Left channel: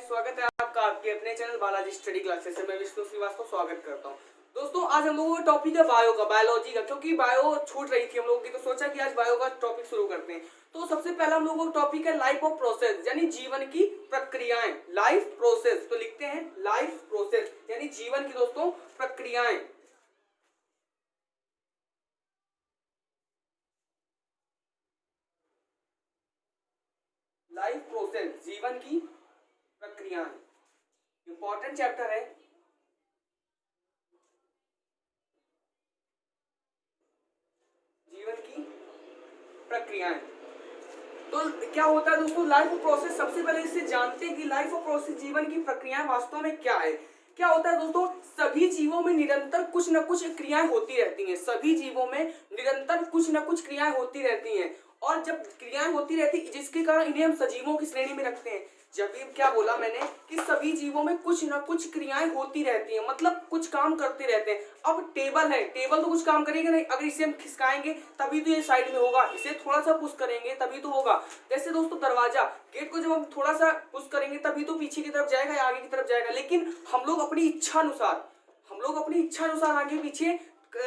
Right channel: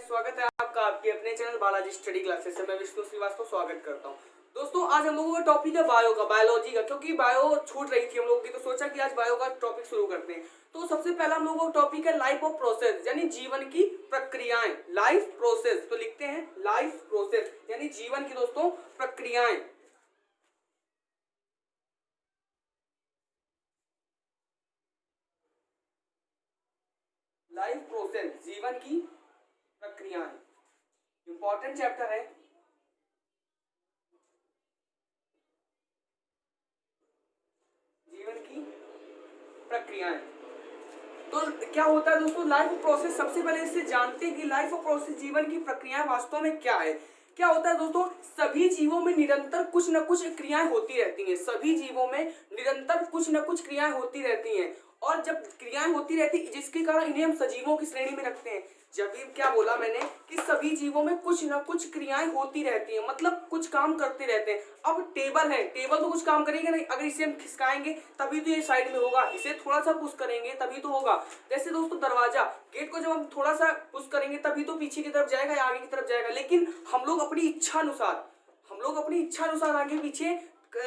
स्वागत है आपका आपके अपने चैनल बालाजी स्टडी क्लासेस से। मैं विष्णु श्रीवास्तव स्वागत करता हूं। दोस्तों आज हम लोगों का टॉपिक है बायो का, बायोलॉजी का, क्योंकि बायो छूट रही थी हम लोगों की, तो सोचा कि आज बायो का टॉपिक शुरू करते हैं। तो सबसे पहला हम लोगों का टॉपिक है लाइफ ऑफ प्रोसेस, यानी जीवन की प्रक्रियाएं। लाइफ प्रोसेस, तो लिखते हैं लाइफ प्रोसेस यानी जीवन की दोस्तों प्रक्रियाएं। लाइफ प्रोसेस जीवन की प्रक्रियाएं इंपॉर्टेंट चैप्टर है। जीवन की प्रक्रियाएं, तो क्या होता है दोस्तों लाइफ ऑफ प्रोसेस। सबसे पहले इसे जानते हैं कि लाइफ ऑफ प्रोसेस जीवन की प्रक्रियाएं वास्तव में क्या है। क्या होता है दोस्तों, सभी जीवों में निरंतर कुछ न कुछ क्रियाएं होती रहती हैं। सभी जीवों में निरंतर कुछ न कुछ क्रियाएं होती रहती हैं, और जब क्रियाएं होती रहती जिसके कारण इन्हें हम सजीवों की श्रेणी में रखते हैं। जब भी क्या बोला मैंने कि सभी जीवों में कुछ न कुछ क्रियाएं होती रहती हैं, मतलब कुछ काम करते रहते हैं। अब टेबल है, टेबल तो कुछ काम करेगा नहीं, अगर इसे हम खिसकाएंगे तभी तो ये साइड में होगा, इसे थोड़ा सा पुश करेंगे तभी तो होगा। जैसे दोस्तों दरवाजा, गेट को जब हम थोड़ा सा पुश करेंगे तभी तो पीछे की तरफ जाएगा या आगे की तरफ जाएगा। लेकिन हम लोग अपनी इच्छा अनुसार आगे पीछे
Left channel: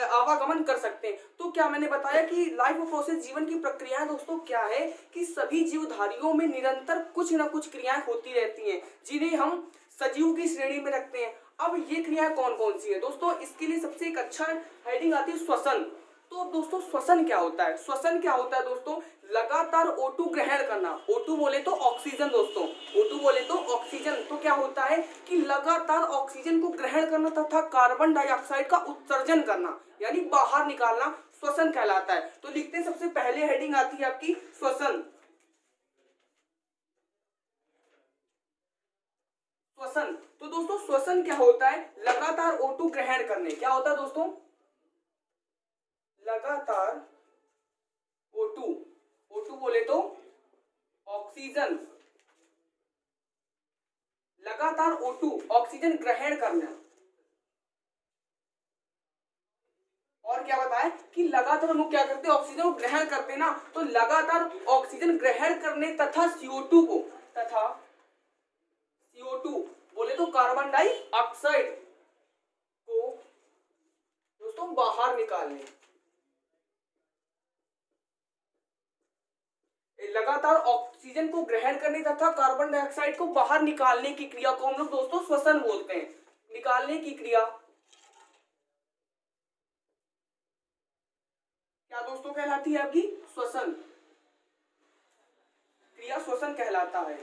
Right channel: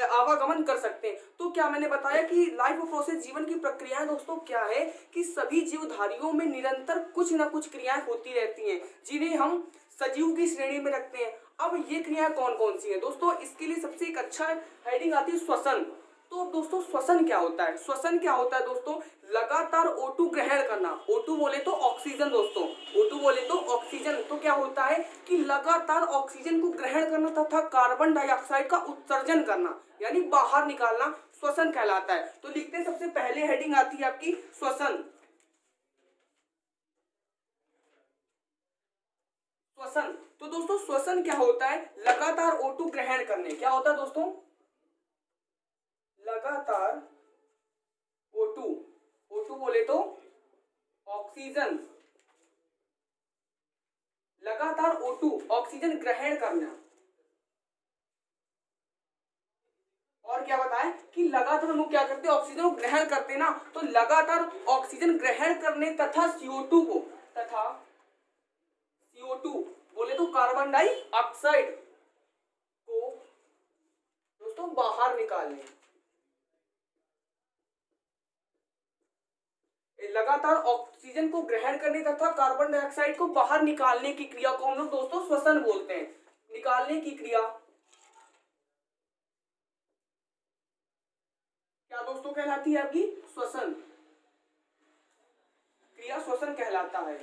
आवागमन कर सकते हैं। तो क्या मैंने बताया कि लाइफ ऑफ प्रोसेस जीवन की प्रक्रियाएं दोस्तों क्या है कि सभी जीवधारियों में निरंतर कुछ न कुछ क्रियाएं होती रहती हैं, जिन्हें हम सजीव की श्रेणी में रखते हैं। अब ये क्रियाएं कौन कौन सी है दोस्तों, इसके लिए सबसे एक अच्छा हेडिंग आती है श्वसन। तो दोस्तों श्वसन क्या होता है? श्वसन क्या होता है दोस्तों, लगातार O2 ग्रहण करना। O2 बोले तो ऑक्सीजन दोस्तों, O2 बोले तो ऑक्सीजन। तो क्या होता है कि लगातार ऑक्सीजन को ग्रहण करना तथा कार्बन डाइऑक्साइड का उत्सर्जन करना, यानी बाहर निकालना, श्वसन कहलाता है। तो लिखते हैं, सबसे पहले हेडिंग आती है आपकी श्वसन। श्वसन, तो दोस्तों श्वसन क्या होता है, लगातार O2 ग्रहण करने। क्या होता है दोस्तों, लगातार O2, O2 बोले तो ऑक्सीजन, लगातार O2 ऑक्सीजन ग्रहण करना। और क्या बताएं कि लगातार हम लोग क्या करते हैं, ऑक्सीजन को ग्रहण करते हैं ना, तो लगातार ऑक्सीजन ग्रहण करने तथा CO2 बोले तो कार्बन डाइऑक्साइड को दोस्तों बाहर निकालने। लगातार ऑक्सीजन को ग्रहण करने तथा कार्बन डाइऑक्साइड को बाहर निकालने की क्रिया को हम लोग दोस्तों श्वसन बोलते हैं। निकालने की क्रिया क्या दोस्तों कहलाती है आपकी, श्वसन। क्रिया श्वसन कहलाता है।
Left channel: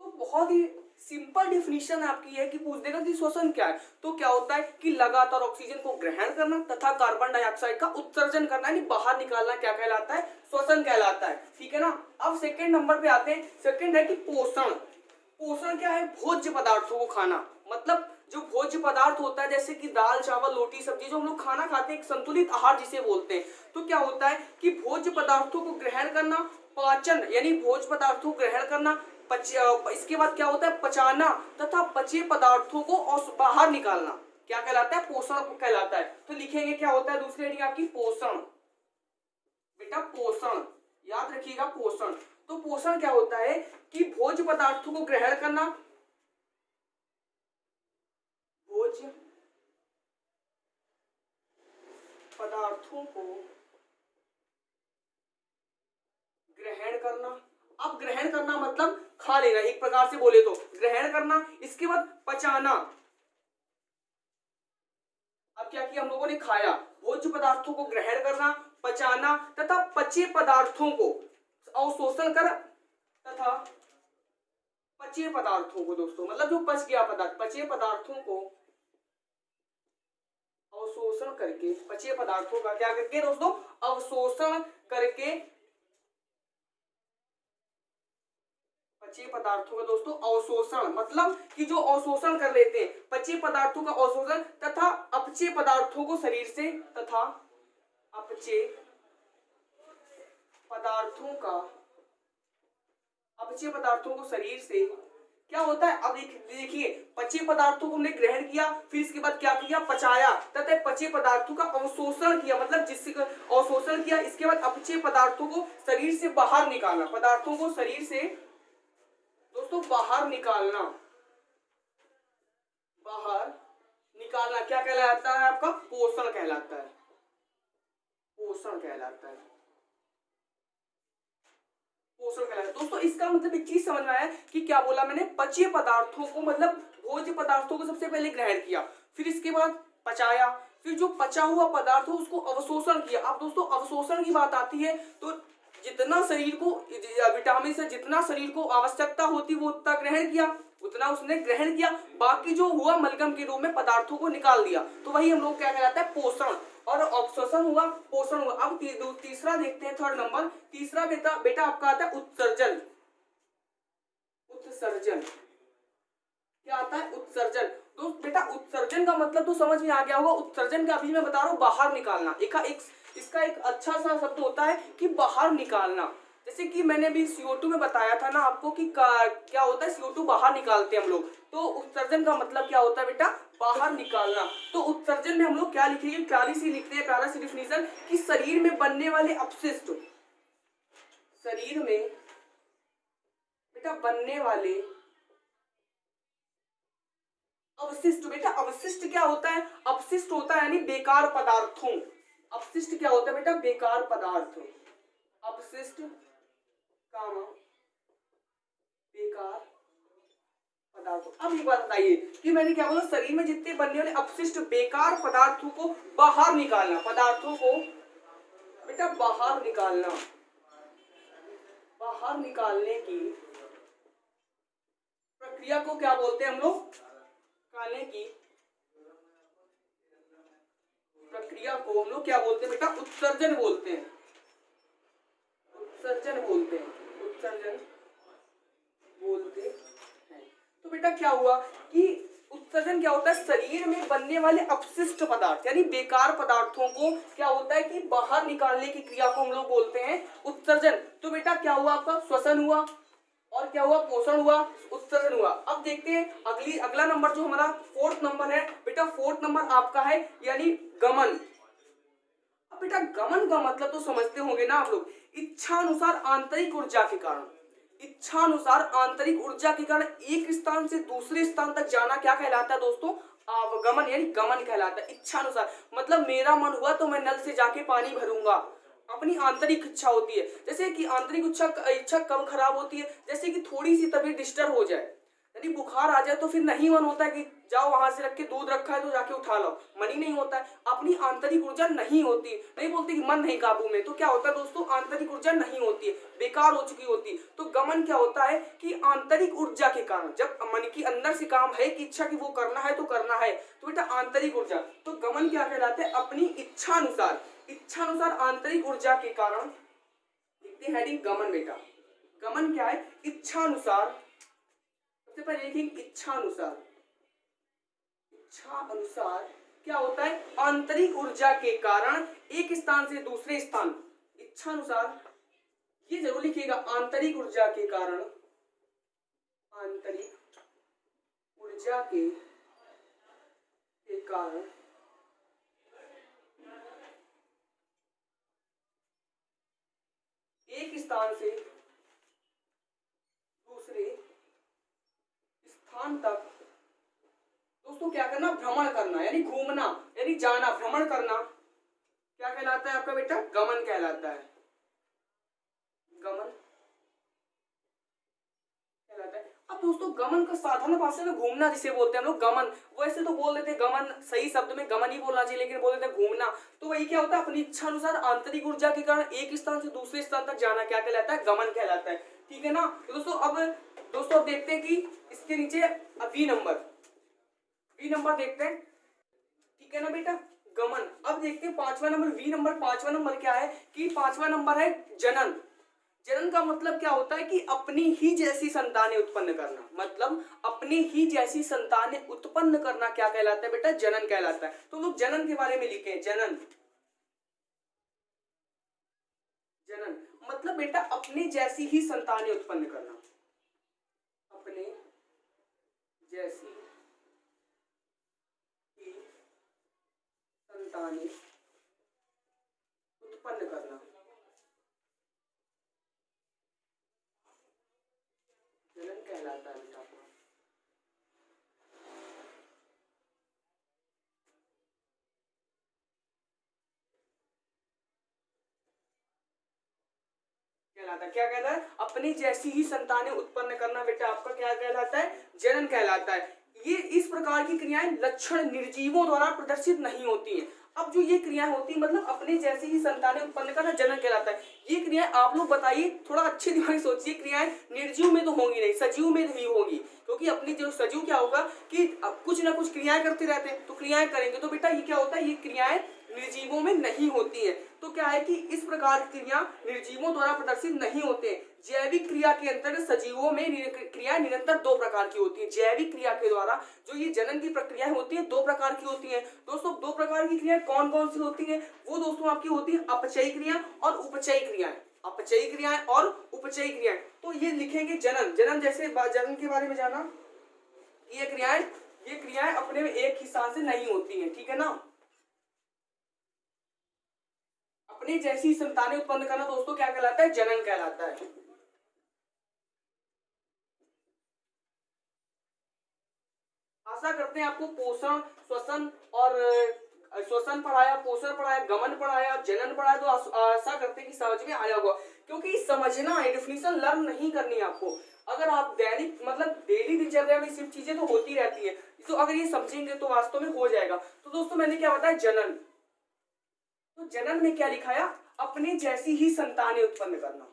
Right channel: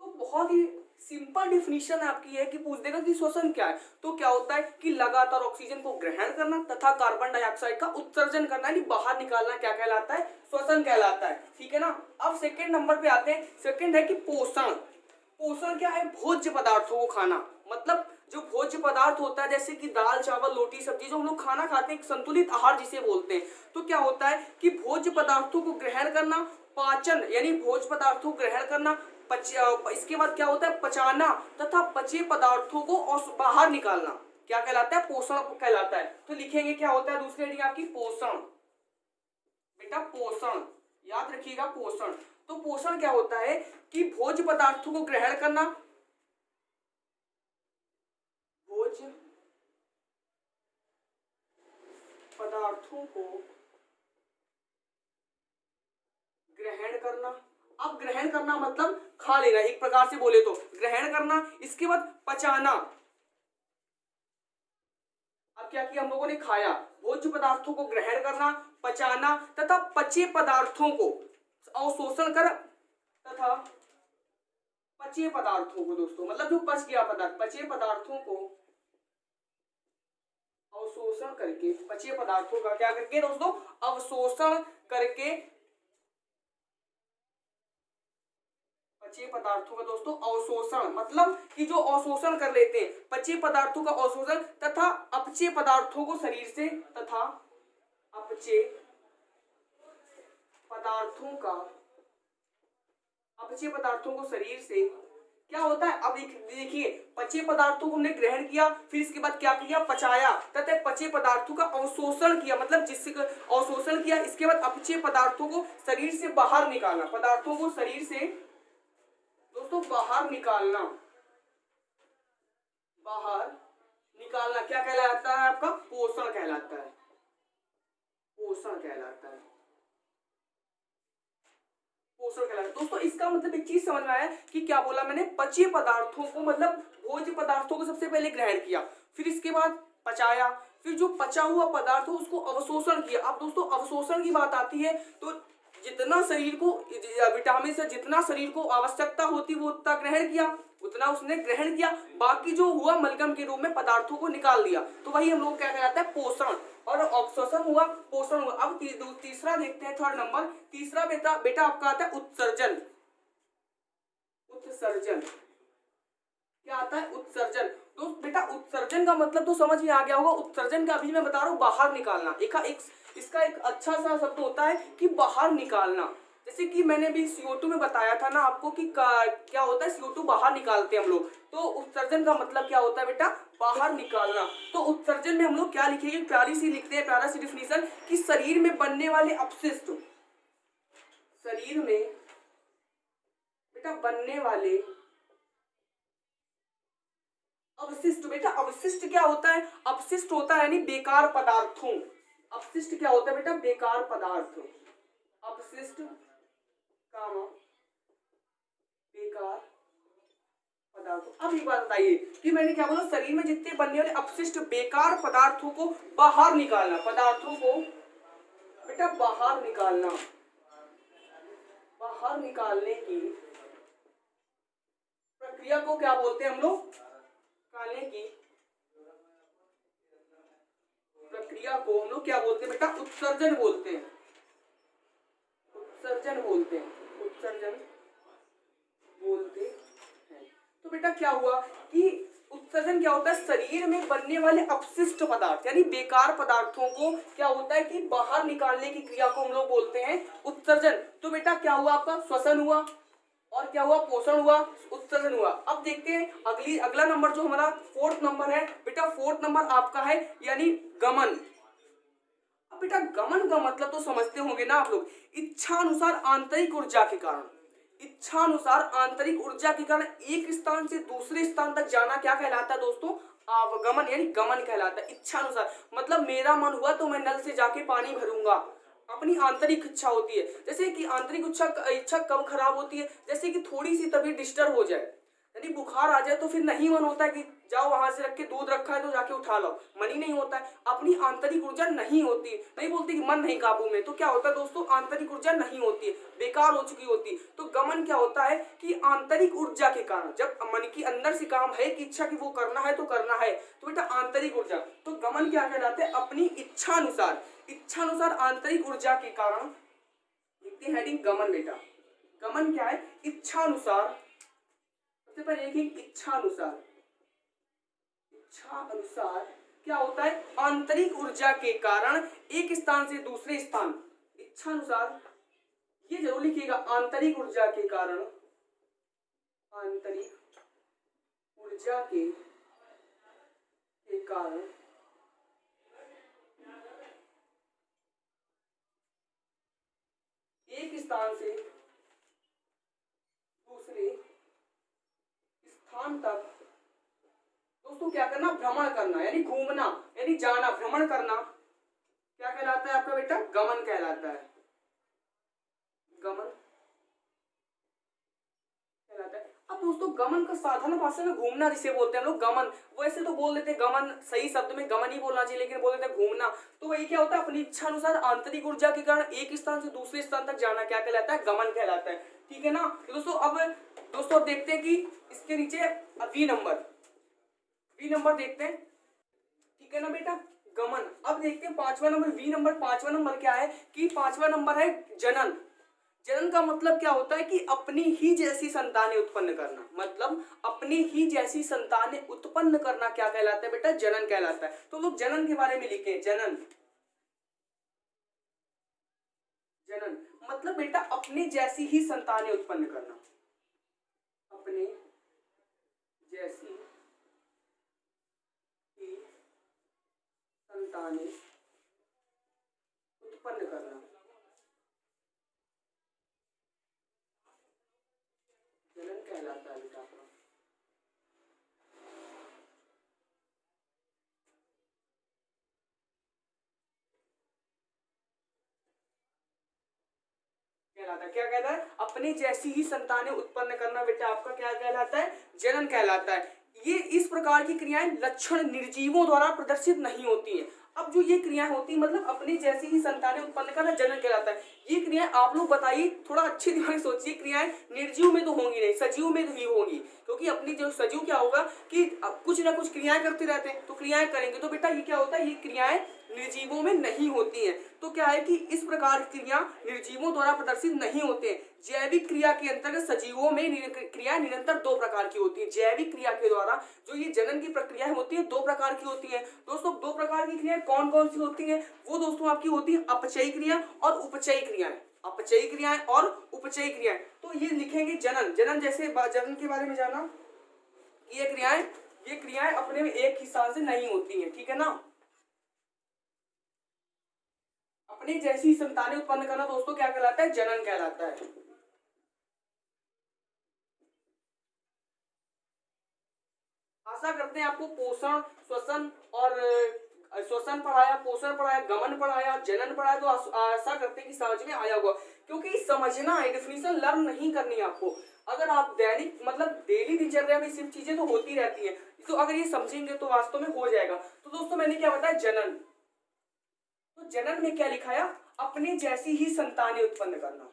तो बहुत ही सिंपल डिफिनीशन आपकी है कि पूछ देगा कि श्वसन क्या है। तो क्या होता है कि लगातार ऑक्सीजन को ग्रहण करना तथा कार्बन डाइऑक्साइड का उत्सर्जन करना, यानी बाहर निकालना, क्या कहलाता है, श्वसन कहलाता है। ठीक है ना। अब सेकंड नंबर पे आते हैं। सेकंड है कि पोषण। पोषण क्या है, भोज्य पदार्थों को खाना। मतलब जो भोज्य पदार्थ होता है जैसे कि दाल चावल रोटी सब्जी, जो हम लोग खाना खाते हैं, एक संतुलित आहार जिसे बोलते हैं। तो क्या होता है कि भोज्य पदार्थों को ग्रहण करना, पाचन यानी भोज्य पदार्थों को ग्रहण करना, इसके बाद क्या होता है पचाना तथा पचे पदार्थों को बाहर निकालना, क्या कहलाता है, पोषण कहलाता है। तो लिखेंगे क्या होता है दूसरी हेडिंग आपकी, पोषण। बेटा पोषण याद रखिएगा, पोषण। तो पोषण क्या होता है कि भोज्य पदार्थों को ग्रहण करना, भोज्य पदार्थों को ग्रहण करना। अब ग्रहण करना मतलब खा लेना, एक प्रकार से बोले तो ग्रहण करना। इसके बाद पचाना। अब क्या किया हम लोगों ने, खाया। भोज्य पदार्थों को ग्रहण करना, पचाना तथा पचे पदार्थों को अवशोषण कर तथा पचे पदार्थों को दोस्तों, मतलब जो पच गया पदार्थ, पचे पदार्थों को अवशोषण करके, पचे पदार्थों का क्या करके दोस्तों, अवशोषण करके, पचे पदार्थों का दोस्तों अवशोषण, मतलब कि जो अवशोषण कर लेते हैं, पचे पदार्थों का अवशोषण तथा अपचे पदार्थों को शरीर से, तथा अपचे पदार्थों का, अपचे पदार्थों को शरीर से क्या होता है। अब देखिए, पचे पदार्थों को हमने ग्रहण किया, फिर इसके बाद क्या किया, पचाया तथा पचे पदार्थों का अवशोषण किया, मतलब जिससे अवशोषण किया। इसके बाद अपचे पदार्थों को शरीर से बाहर निकालना, पदार्थों को शरीर से दोस्तों बाहर निकालना, बाहर निकालना क्या कहलाता है आपका? पोषण कहलाता है, पोषण कहलाता है, पोषण कहलाता है। दोस्तों इसका मतलब एक चीज समझ में आया कि क्या बोला मैंने? पच्य पदार्थों को मतलब भोज्य पदार्थों को सबसे पहले ग्रहण किया, फिर इसके बाद पचाया, फिर जो पचा हुआ पदार्थ हो उसको अवशोषण किया। अब दोस्तों अवशोषण की बात आती है तो जितना शरीर को विटामिन से जितना शरीर को आवश्यकता होती वो उतना ग्रहण किया, उतना उसने ग्रहण किया, बाकी जो हुआ मलगम के रूप में पदार्थों को निकाल दिया, तो वही हम लोग क्या कहलाता है? पोषण। और अवशोषण हुआ, पोषण हुआ। अब तीसरा देखते हैं, थर्ड नंबर, तीसरा बेटा आपका आता है उत्सर्जन। उत्सर्जन क्या आता है? उत्सर्जन। तो बेटा उत्सर्जन का मतलब तो समझ में आ गया होगा। उत्सर्जन का अभी मैं बता रहा हूँ बाहर निकालना। इसका एक अच्छा सा शब्द होता है कि बाहर निकालना। जैसे कि मैंने भी CO2 में बताया था ना आपको कि क्या होता है, CO2 बाहर निकालते हैं हम लोग। तो उत्सर्जन का मतलब क्या होता है बेटा? बाहर निकालना। तो उत्सर्जन में हम लोग क्या लिखेंगे? प्यारी सी लिखते हैं, प्यारा सी डिफिनीशन कि शरीर में बनने वाले अपशिष्ट, शरीर में बेटा बनने वाले अवशिष्ट। बेटा अवशिष्ट क्या होता है? अपशिष्ट होता है यानी बेकार पदार्थों। अपशिष्ट क्या होता है बेटा? बेकार पदार्थ। अपशिष्ट कामा बेकार पदार्थों। अब एक बात बताइए कि मैंने क्या बोला? शरीर में जितने बनने वाले अपशिष्ट बेकार पदार्थों को बाहर निकालना, पदार्थों को बेटा बाहर निकालना, बाहर निकालने की प्रक्रिया को क्या बोलते हैं हम लोग? निकालने की प्रक्रिया को हम लोग क्या बोलते हैं बेटा? उत्सर्जन बोलते हैं, उत्सर्जन बोलते हैं, उत्सर्जन बोलते हैं। तो बेटा क्या हुआ कि उत्सर्जन क्या होता है? शरीर में बनने वाले अपशिष्ट पदार्थ यानी बेकार पदार्थों को क्या होता है कि बाहर निकालने की क्रिया को हम लोग बोलते हैं उत्सर्जन। तो बेटा क्या हुआ आपका? श्वसन हुआ, और क्या हुआ? पोषण हुआ, उत्सर्जन हुआ। अब देखते हैं अगला नंबर जो हमारा फोर्थ नंबर है बेटा। फोर्थ नंबर आपका है यानी गमन। अब बेटा गमन का मतलब तो समझते होंगे ना आप लोग, इच्छानुसार आंतरिक ऊर्जा के कारण, इच्छानुसार आंतरिक ऊर्जा के कारण एक स्थान से दूसरे स्थान तक जाना क्या कहलाता है दोस्तों? आवागमन यानी गमन कहलाता है। इच्छानुसार मतलब मेरा मन हुआ तो मैं नल से जाके पानी भरूंगा, अपनी आंतरिक इच्छा होती है। जैसे कि आंतरिक इच्छा कब खराब होती है? जैसे कि थोड़ी सी तबीयत डिस्टर्ब हो जाए, यानी बुखार आ जाए, तो फिर नहीं मन होता है कि जाओ वहां से रख के दूध रखा है तो जाके उठा लो, मन ही नहीं होता है। अपनी आंतरिक ऊर्जा नहीं होती, नहीं बोलते कि मन नहीं काबू में, तो क्या होता है दोस्तों? आंतरिक ऊर्जा नहीं होती है, बेकार हो चुकी होती है। तो गमन क्या होता है कि आंतरिक ऊर्जा के कारण, जब मन की अंदर से काम है कि इच्छा की वो करना है तो करना है, तो बेटा आंतरिक ऊर्जा। तो गमन क्या कहलाते हैं? अपनी इच्छानुसार, इच्छानुसार आंतरिक ऊर्जा के कारण लिखते हैं गमन। बेटा गमन क्या है? इच्छानुसार। सबसे पहले लिखेंगे इच्छानुसार। इच्छा अनुसार क्या होता है? आंतरिक ऊर्जा के कारण एक स्थान से दूसरे स्थान, इच्छानुसार ये जरूर लिखिएगा, आंतरिक ऊर्जा के कारण, आंतरिक ऊर्जा के कारण एक स्थान से दूसरे स्थान तक दोस्तों क्या करना? भ्रमण करना यानी घूमना यानी जाना, भ्रमण करना क्या कहलाता है आपका बेटा? गमन कहलाता है, गमन कहलाता है। अब दोस्तों गमन का साधारण भाषा में घूमना जिसे बोलते हैं हम लोग गमन, वैसे तो बोल देते हैं गमन, सही शब्द में गमन ही बोलना चाहिए, लेकिन बोल देते हैं घूमना। तो वही क्या होता है? अपनी इच्छा अनुसार आंतरिक ऊर्जा के कारण एक स्थान से दूसरे स्थान तक जाना क्या कहलाता है? गमन कहलाता है। ठीक है ना? तो दोस्तों अब देखते हैं कि इसके नीचे बी नंबर देखते हैं। ठीक है ना बेटा? गमन। अब देखते हैं पांचवा नंबर, बी नंबर। पांचवा नंबर क्या है कि पांचवा नंबर है जनन। जनन का मतलब क्या होता है कि अपनी ही जैसी संतानें उत्पन्न करना, मतलब अपनी ही जैसी संतानें उत्पन्न करना क्या कहलाता है बेटा? जनन कहलाता है। तो लोग जनन के बारे में लिखे, जनन। जनन मतलब बेटा अपने जैसी ही संतानें उत्पन्न करना, अपने जैसी ही संतानें उत्पन्न करना, जनन कहलाता है बेटा आपका? कहलाता है, क्या कहलाता है? अपने जैसी ही संतानें उत्पन्न करना बेटा आपका क्या कहलाता है? जनन कहलाता है। ये इस प्रकार की क्रियाएं लक्षण निर्जीवों द्वारा प्रदर्शित नहीं होती हैं। अब जो ये क्रियाएं होती है मतलब अपने जैसी ही संतानें उत्पन्न करना जनन कहलाता है। ये क्रियाएं आप लोग बताइए, थोड़ा अच्छे दिमाग से सोचिए, क्रियाएं निर्जीव में तो होंगी नहीं, सजीव में ही होंगी। क्योंकि अपनी जो सजीव क्या होगा कि कुछ ना कुछ क्रियाएं करते रहते हैं, तो क्रियाएं करेंगे, तो बेटा ये क्या होता है? ये क्रियाएं निर्जीवों में नहीं होती हैं। तो क्या है कि इस प्रकार की क्रिया निर्जीवों द्वारा प्रदर्शित नहीं होते हैं। जैविक क्रिया के अंतर्गत सजीवों में क्रिया निरंतर दो प्रकार की होती है। जैविक क्रिया के द्वारा जो ये जनन की प्रक्रिया होती है दो प्रकार की होती है दोस्तों। दो प्रकार की क्रियाएं कौन कौन सी होती है? वो दोस्तों आपकी होती है अपचयी क्रिया और उपचयी क्रियाएं। अपचयी क्रियाएं और उपचयी क्रियाएं, तो ये लिखेंगे जनन। जनन जैसे जनन के बारे में जाना, ये क्रियाएं अपने में एक ही स्थान से नहीं होती है, ठीक है ना। अपनी जैसी संतानें उत्पन्न करना दोस्तों क्या कहलाता है? जनन कहलाता है। आशा करते हैं आपको पोषण, श्वसन और श्वसन पढ़ाया, पोषण पढ़ाया, गमन पढ़ाया, जनन पढ़ाया, तो आशा करते हैं कि समझ में आया होगा। क्योंकि समझना है, डेफिनेशन लर्न नहीं करनी है आपको। अगर आप दैनिक मतलब डेली दिनचर्या में सिर्फ चीजें तो होती रहती हैं, तो अगर ये समझेंगे तो वास्तव में हो जाएगा। तो दोस्तों मैंने क्या बताया? जनन। तो जनन में क्या लिखाया? अपने जैसी ही संतानें उत्पन्न करना।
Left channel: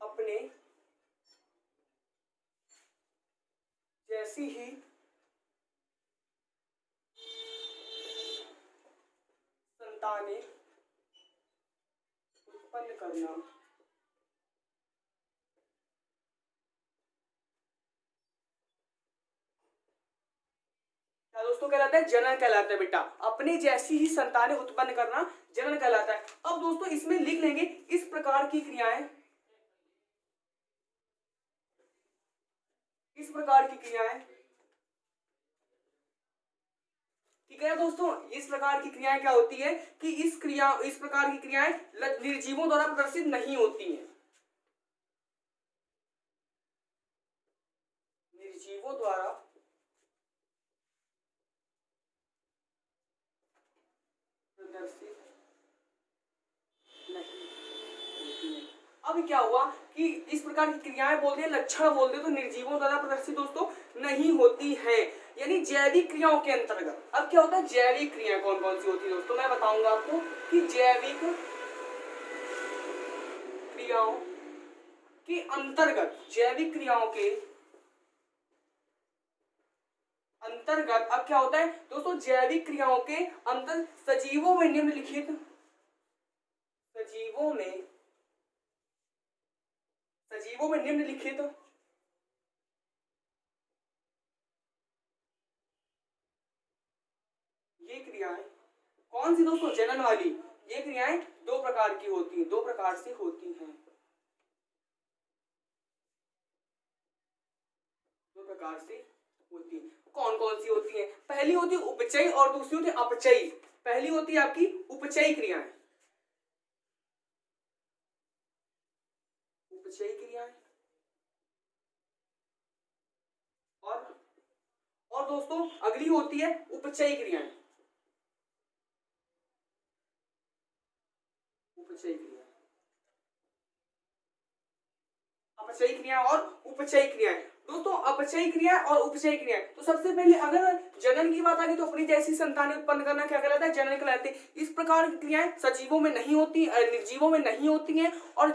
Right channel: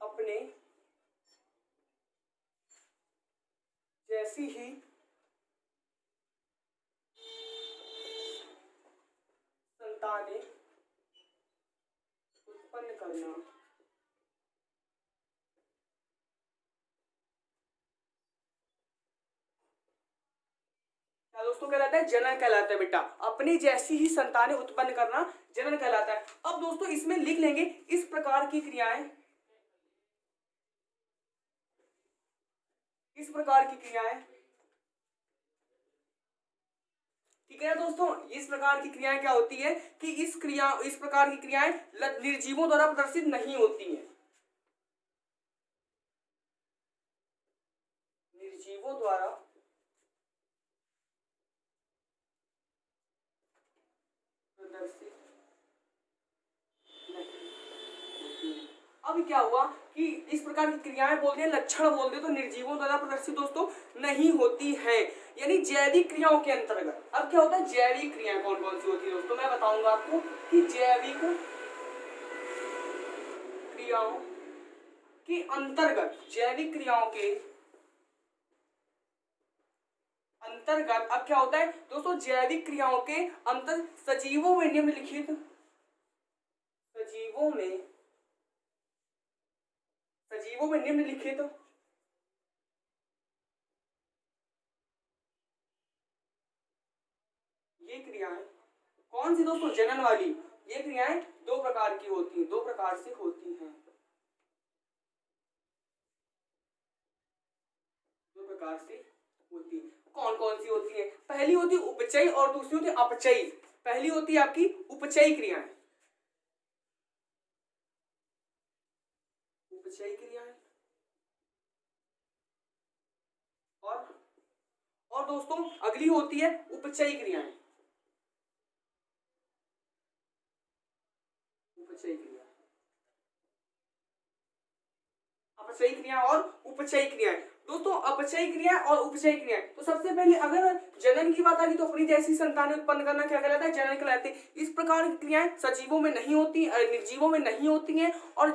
अपने जैसी ही संतानें उत्पन्न करना। क्या दोस्तों कहलाता है? जनन कहलाता है बेटा। अपने जैसी ही संतानें उत्पन्न करना जनन कहलाता है। अब दोस्तों इसमें लिख लेंगे इस प्रकार की क्रियाएं, इस प्रकार की क्रियाएं, ठीक है दोस्तों। इस प्रकार की क्रियाएं क्या होती है कि इस प्रकार की क्रियाएं निर्जीवों द्वारा प्रदर्शित नहीं होती हैं। निर्जीवों द्वारा प्रदर्शित नहीं होती हैं। अब क्या हुआ कि इस प्रकार की क्रियाएं बोल दिए, लक्षण बोल दिए, तो निर्जीवों द्वारा प्रदर्शित दोस्तों नहीं होती है, यानी जैविक क्रियाओं के अंतर्गत। अब क्या होता है? जैविक क्रियाएं कौन कौन सी होती है दोस्तों? मैं बताऊंगा आपको कि जैविक क्रियाओं के अंतर्गत, जैविक क्रियाओं के अंतर्गत अब क्या होता है दोस्तों? जैविक क्रियाओं के अंतर सजीवों में निम्नलिखित, सजीवों में निम्नलिखित ये क्रियाएं कौन सी दोस्तों? जनन वाली। ये क्रियाएं दो प्रकार की होती हैं, दो प्रकार से होती हैं, दो प्रकार से होती है। कौन कौन सी होती है? पहली होती है उपचयी और दूसरी होती है अपचयी। पहली होती है आपकी उपचयी क्रियाएं, उपचयी क्रियाएं। और दोस्तों अगली होती है उपचयी क्रियाएं, उपचयी क्रिया, अपचयी क्रिया और उपचयी क्रियाएं। दोस्तों अपचयी क्रिया और उपचयी क्रिया, तो सबसे पहले अगर जनन की बात आ गई तो अपनी जैसी संतानें उत्पन्न करना क्या कहलाता है? जनन कहलाते हैं। इस प्रकार की क्रियाएं सजीवों में नहीं होती, निर्जीवों में नहीं होती हैं, और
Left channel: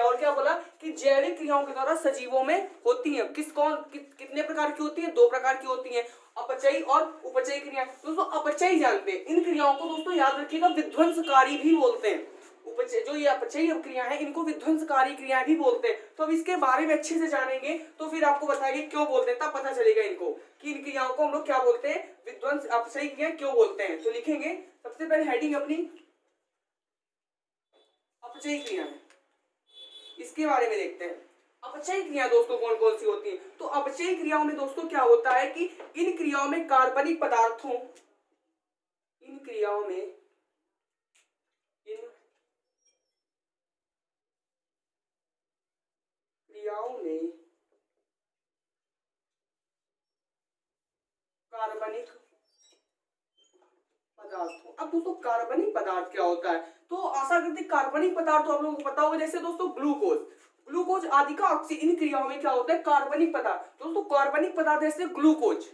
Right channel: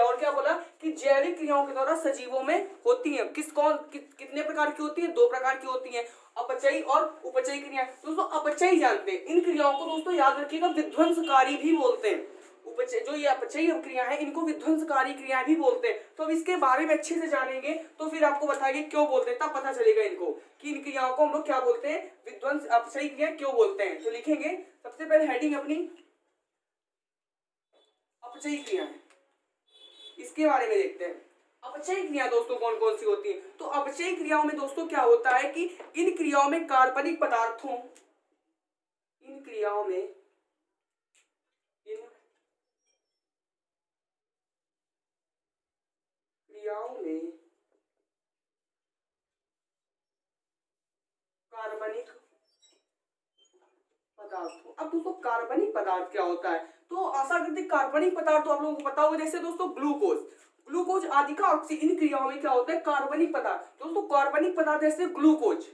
और क्या बोला कि जैविक क्रियाओं के द्वारा सजीवों में होती हैं। कितने प्रकार की होती है? दो प्रकार की होती है, अपचयी और उपचयी क्रिया। दोस्तों अपचयी जानते हैं, इन क्रियाओं को दोस्तों याद रखिएगा विध्वंसकारी भी बोलते हैं। उपचय जो ये अपचयी क्रिया है इनको विध्वंसकारी क्रिया भी बोलते हैं। तो अब इसके बारे में अच्छे से जानेंगे तो फिर आपको बताइए क्यों बोलते हैं, तब पता चलेगा इनको कि इन क्रियाओं को हम लोग क्या बोलते हैं, विध्वंस अपचयी क्रिया क्यों बोलते हैं। तो लिखेंगे सबसे पहले हेडिंग अपनी अपचयी क्रिया है, इसके बारे में देखते हैं। अपचयी क्रिया दोस्तों कौन कौन सी होती है? तो अपचयी क्रियाओं में दोस्तों क्या होता है कि इन क्रियाओं में कार्बनिक पदार्थों, इन क्रियाओं में क्रियाओं में कार्बनिक पदार्थों। अब दोस्तों कार्बनिक पदार्थ क्या होता है, तो आशा करते हैं कार्बनिक पदार्थ तो आप लोगों को पता होगा, जैसे दोस्तों ग्लूकोज, ग्लूकोज आदि का इन क्रियाओं में क्या होता है, कार्बनिक पदार्थ। दोस्तों कार्बनिक पदार्थ जैसे ग्लूकोज,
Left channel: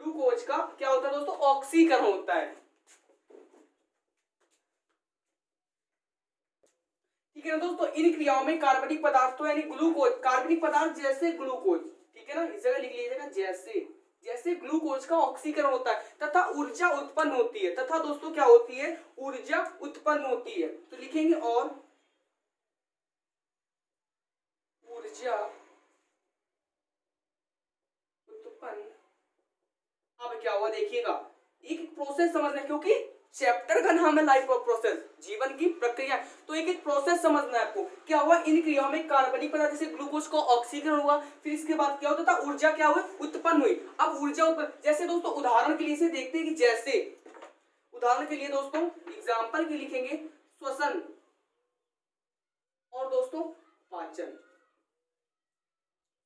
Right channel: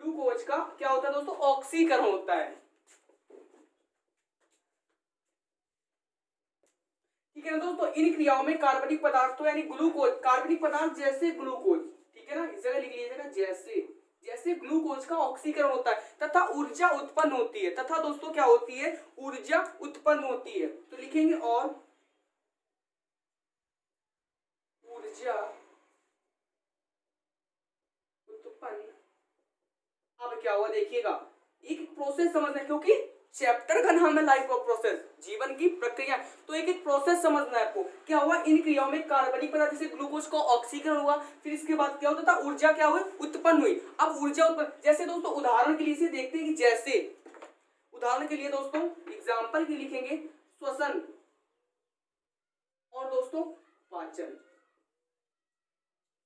ग्लूकोज का क्या होता है दोस्तों, ऑक्सीकरण होता है। ठीक है ना दोस्तों, इन क्रियाओं में कार्बनिक पदार्थों यानी ग्लूकोज, कार्बनिक पदार्थ जैसे ग्लूकोज, ठीक है ना, इस जगह लिख लीजिएगा जैसे, जैसे ग्लूकोज का ऑक्सीकरण होता है तथा ऊर्जा उत्पन्न होती है, तथा दोस्तों क्या होती है, ऊर्जा उत्पन्न होती है। तो लिखेंगे और ऊर्जा उत्पन्न। अब क्या हुआ देखिएगा, एक प्रोसेस समझना है, क्योंकि चैप्टर का नाम है लाइफ ऑफ प्रोसेस, जीवन की प्रक्रिया। तो एक प्रोसेस समझना है आपको, क्या हुआ, इन क्रियाओं में कार्बनिक पदार्थ जैसे ग्लूकोज का ऑक्सीकरण हुआ, फिर इसके बाद क्या होता था, ऊर्जा क्या हुई, उत्पन्न हुई। अब ऊर्जा उत्पन्न, जैसे दोस्तों उदाहरण के लिए इसे देखते हैं कि जैसे, उदाहरण के लिए दोस्तों एग्जाम्पल के लिखेंगे श्वसन और दोस्तों पाचन,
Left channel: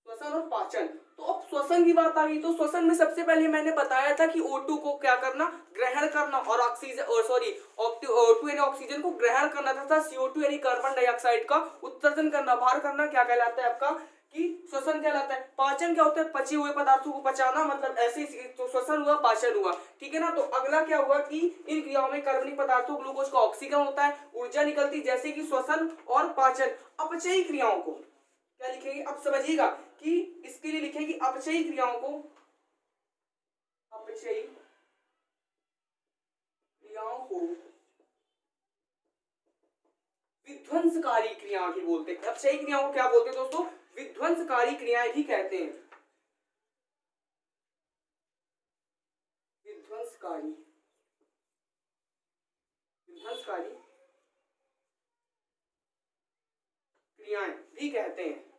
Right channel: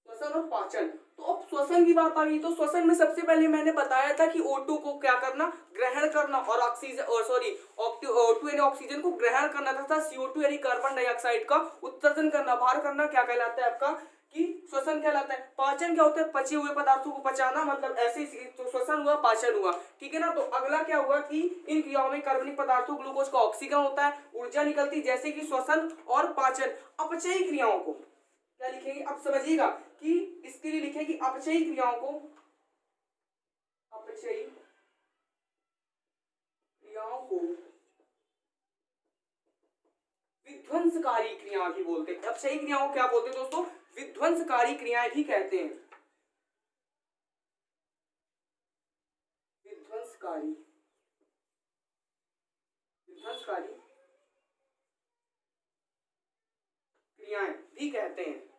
श्वसन और पाचन। तो अब श्वसन की बात आ गई, तो श्वसन में सबसे पहले मैंने बताया था कि O2 को क्या करना, ग्रहण करना, और ऑक्सीजन O2 यानी ऑक्सीजन को ग्रहण करना तथा CO2 यानी कार्बन डाइऑक्साइड का उत्सर्जन करना, बाहर करना, क्या कहलाता है आपका, कि श्वसन कहलाता है। पाचन क्या होता है, पचे हुए पदार्थों को पचाना, मतलब ऐसे ही तो श्वसन हुआ, पाचन हुआ, ठीक है ना। तो अगला क्या हुआ कि इन क्रियाओं में कार्बनिक पदार्थों ग्लूकोज का ऑक्सीकरण होता है, ऊर्जा निकलती, जैसे कि श्वसन और पाचन। अपचयी क्रियाओं को क्या लिखेंगे, अब समझिएगा कि इसके लिए लिखेंगे अपचयी क्रियाओं को, अपचयी क्रियाओं को विध्वंसकारी क्रिया भी बोलते हैं। अपचयी क्रियाओं को क्या बोलते हैं दोस्तों, विध्वंसकारी क्रियाएं भी कहते हैं, विध्वंसकारी, विध्वंसकारी क्रियाएं भी कहते हैं,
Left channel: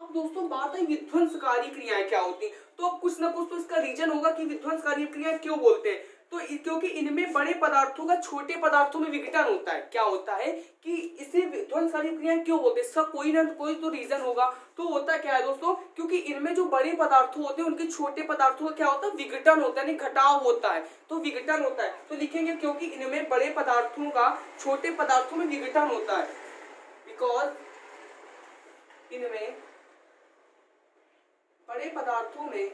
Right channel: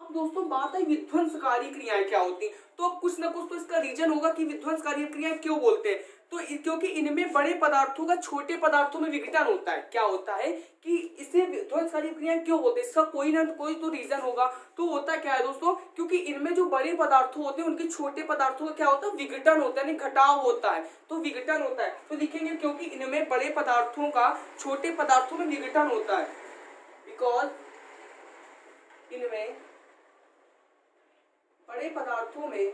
अब दोस्तों बात है विध्वंसकारी क्रियाएं क्या होती हैं, तो अब कुछ ना कुछ तो इसका रीजन होगा कि विध्वंसकारी क्रियाएं क्यों बोलते हैं। तो क्योंकि इनमें बड़े पदार्थों का छोटे पदार्थों में विघटन होता है। क्या होता है कि इसे विध्वंसकारी क्रियाएं क्यों बोलते हैं, इसका कोई ना कोई तो रीजन होगा। तो होता क्या है दोस्तों, क्योंकि इनमें जो बड़े पदार्थ होते हैं उनके छोटे पदार्थों का क्या होता है, विघटन होता है, यानी घटाव होता है, तो विघटन होता है। तो लिखेंगे क्योंकि इनमें बड़े पदार्थों का छोटे पदार्थों में विघटन होता है, बिकॉज इनमें बड़े पदार्थों में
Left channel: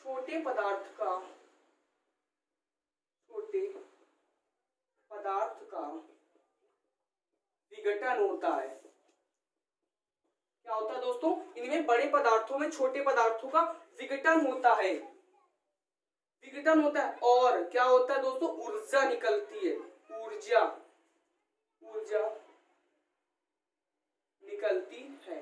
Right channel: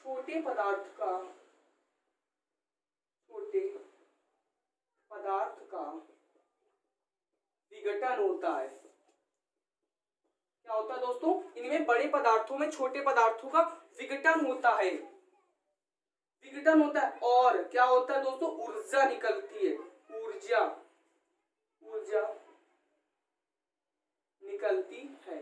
छोटे पदार्थ का विघटन होता है। क्या होता है दोस्तों, इनमें बड़े पदार्थों में छोटे पदार्थों का विघटन होता है, विघटन होता है, और क्या होता है दोस्तों, ऊर्जा निकलती है, ऊर्जा निकलती है।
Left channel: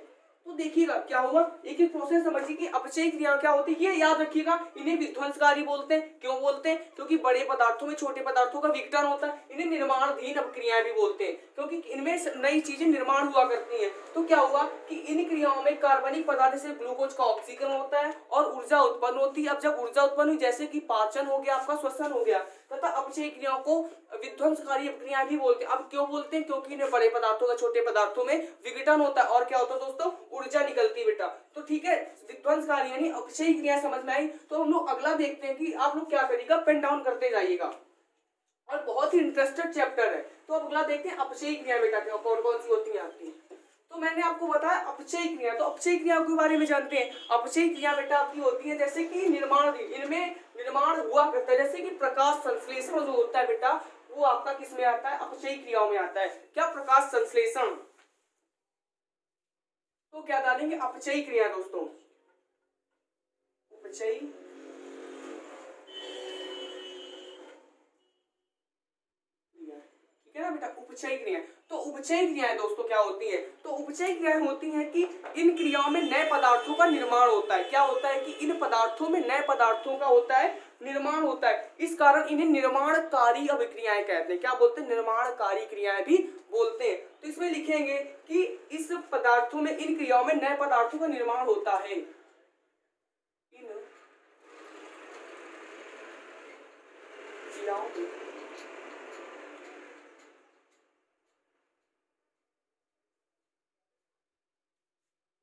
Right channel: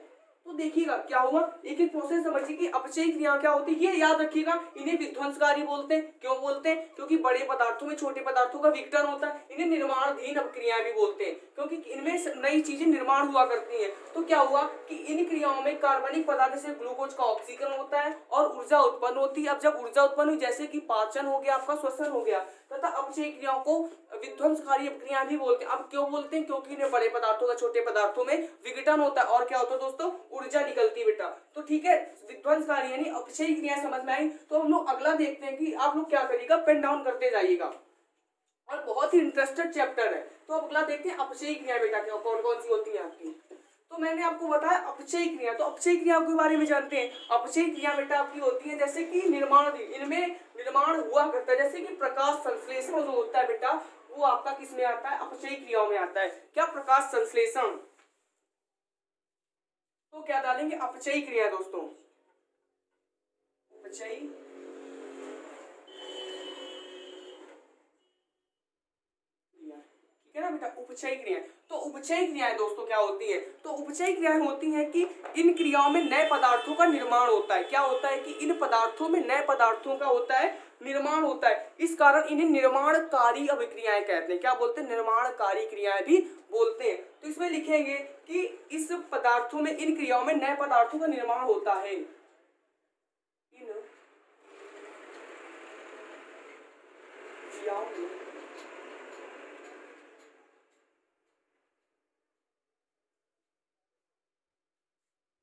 तो देखिएगा क्या हुआ, एक एक प्रोसेस समझिए कि अपचयी क्रिया क्या होती है, ये याद रखिएगा। इन्हें विध्वंसकारी बोलते हैं, क्यों बोलते हैं, क्योंकि बड़े पदार्थों में छोटे पदार्थों का विघटन होता है। इन्हें निर्माणाधीन क्रियाएं भी बोलते हैं, क्योंकि इनमें नई चीजें निर्माण हुआ करती हैं। तो क्या हुआ कि इन क्रियाओं में कार्बनिक पदार्थ से ग्लूकोज का ऑक्सीकरण होता है और ऊर्जा उत्पन्न होती है। अब जब ऊर्जा उत्पन्न हुई, जैसे कि पाचन हो गया, आपका श्वसन हो गया, तथा अपचयी क्रियाओं को विध्वंसकारी क्रियाएं भी बोलते हैं। अब क्यों बोलते हैं, क्योंकि इन्हें बड़े पदार्थों का छोटे पदार्थों में विघटन होता है, और क्या होता है दोस्तों, ऊर्जा निकलती है बेटा। तो ठीक है, विध्वंसकारी यानी अपचयी क्रिया समझ में आई। तो हम लोग अगला देखते हैं कि आप लोग क्या करिएगा, पेन डाउन करते जाइएगा, और बहुत ही इंटरेस्टेड चैप्टर है। तो अब अगला देखते हैं अपचयी क्रिया बेटा क्या कौन कौन सी होती है आपकी। तो मैंने आपको बताया अपचयी क्रिया, तो अपचयी क्रिया के बारे में जानते हैं। अपचयी क्रिया बेटा आपकी होती है जैसे कि निर्माण, इनमें निर्माण हुआ करता है, जैसे कि प्रकाश संश्लेषण जो होता है बेटा, वो आपका किस में आता है, अपचयी क्रियाओं में आता है। क्या, प्रकाश संश्लेषण। तो क्या डालेंगे, अपचयी क्रिया दोस्तों, अपचयी क्रिया, ठीक है ना बेटा, उपचयी क्रिया। तो उपचयी क्रियाएं दोस्तों क्या होती है, तो उपचयी क्रियाएं होती हैं कि इन क्रियाओं में नए पदार्थों का निर्माण होता है। क्या होता है कि इन पदार्थों में नए पदार्थों का होता है निर्माण होता है, इस कारण इन्हें निर्माणकारी अभिक्रियाएं कहते हैं। क्या बोलते हैं, निर्माणकारी क्रियाएं भी बोलते हैं। तो इसमें लिखेंगे कि इस पदार्थों में, इन क्रियाओं में नए पदार्थों का निर्माण होता है, इन क्रियाओं में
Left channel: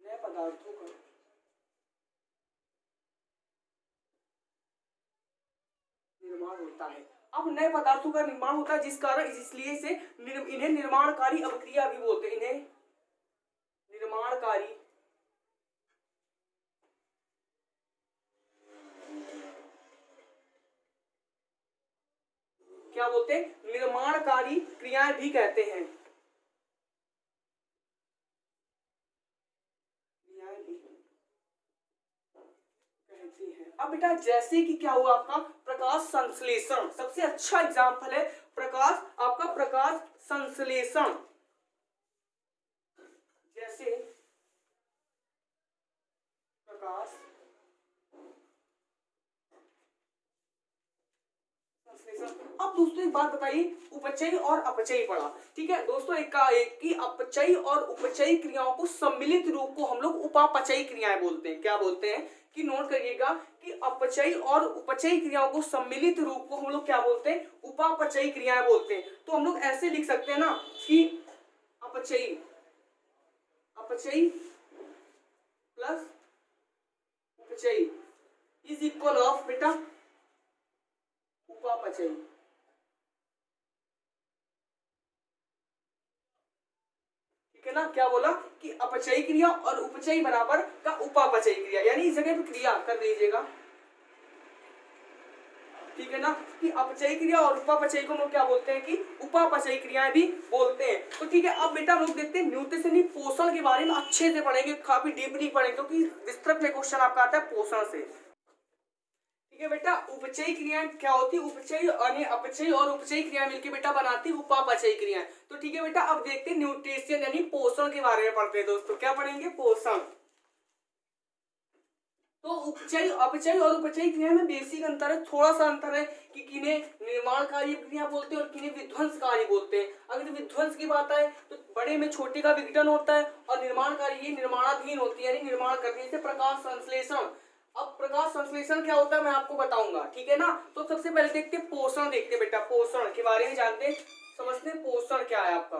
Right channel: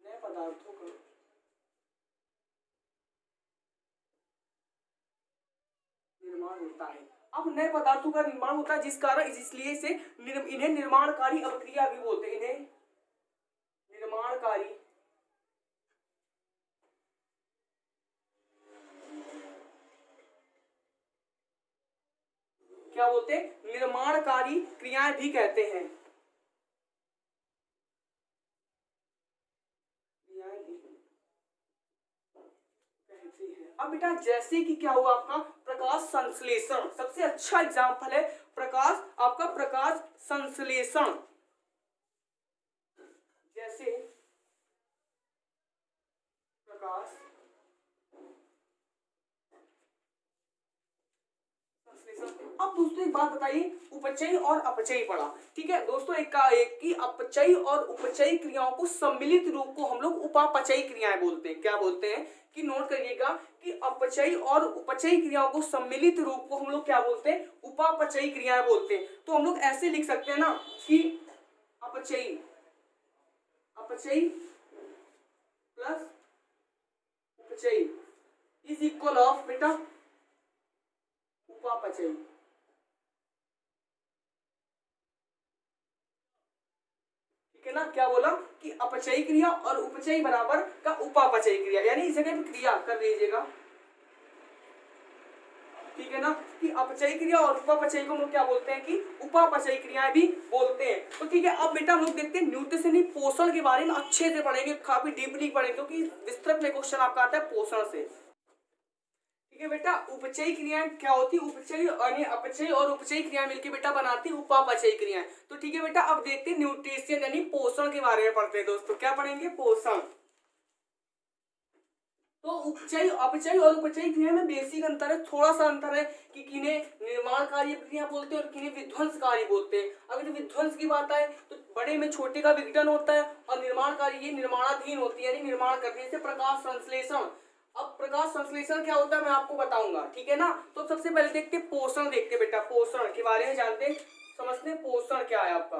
नए पदार्थों का निर्माण होता है। अब नए पदार्थों का निर्माण होता है जिस कारण इसलिए से इन्हें निर्माणकारी अभिक्रिया भी बोलते हैं। इन्हें निर्माणकारी क्या बोलते हैं? निर्माणकारी क्रियाएं भी कहते हैं। क्रियाएं भी कहते हैं। अब बेटा जैसे कि क्या हुआ आपका प्रकाश संश्लेषण, सबसे अच्छा एग्जाम्पल है प्रकाश, आपका प्रकाश संश्लेषण। जैसे प्रकाश संश्लेषण। अब दोस्तों एक बात बताइए, उपचयी और अपचयी पढ़ा, ठीक है दोस्तों। एक की अपचयी और उपचयी क्रियाओं को सम्मिलित रूप को हम लोग उपापचयी क्रियाएं बोलते हैं। क्या बोलते हैं कि नोट करिएगा कि अपचयी और उपचयी क्रियाओं को सम्मिलित रूप को हम लोग क्या बोलते हैं? उपापचयी क्रियाएं बोलते हैं। तो हम लोग ऐसे लिख सकते हैं ना कि अपचयी अपचयी प्लस उपचयी इज इक्वल ऑफ बेटा उपापचयी। ठीक है ना? क्या बोला कि अपचयी क्रिया और उपचयी बराबर का उपापचयी क्रिया, यानी इस जगह पे क्रिया कर दीजिएगा। ठीक है ना? कि अपचयी क्रिया और उपापचयी को हम लोग क्या बोलते हैं कि उपापचयी क्रियाएं भी बोलते हैं। तो ठीक है, अब बेटा हम लोग देखते हैं न्यूट्रिशनी पोषण के बारे में अच्छे से पढ़ेंगे, काफी डीपली पढ़ेंगे क्योंकि विस्तृत में क्वेश्चन आपका आता है पोषण से। ठीक है बेटा, उपचयी क्रियाएं क्या होती है? उपचयी और अपचयी और उपचयी क्रियाएं मिलकर बेटा बनाती है उपापचयी क्रियाएं। तो ठीक है बेटा, अब देखते हैं न्यूट्रिशन यानी पोषण के बारे में पढ़ते हैं दोस्तों। क्या पढ़ेंगे? पोषण। तो उपचयी अपचयी और उपचयी क्रिया में बेसिक अंतर है, थोड़ा सा अंतर है कि किन्हें निर्माणकारी क्रिया बोलते हैं और किन्हें विध्वंसकारी बोलते हैं। अगर विध्वंस की बात आए तो बड़े में छोटे का विघटन होता है और निर्माणकारी ये निर्माणाधीन होती है, यानी निर्माण करती है। जैसे प्रकाश संश्लेषण। अब प्रकाश संश्लेषण क्या होता है मैं आपको बताऊंगा, ठीक है ना? तो सबसे पहले देखते हैं पोषण, देखते बेटा पोषण के बारे में जानते हैं, समझते हैं पोषण क्या है आपका।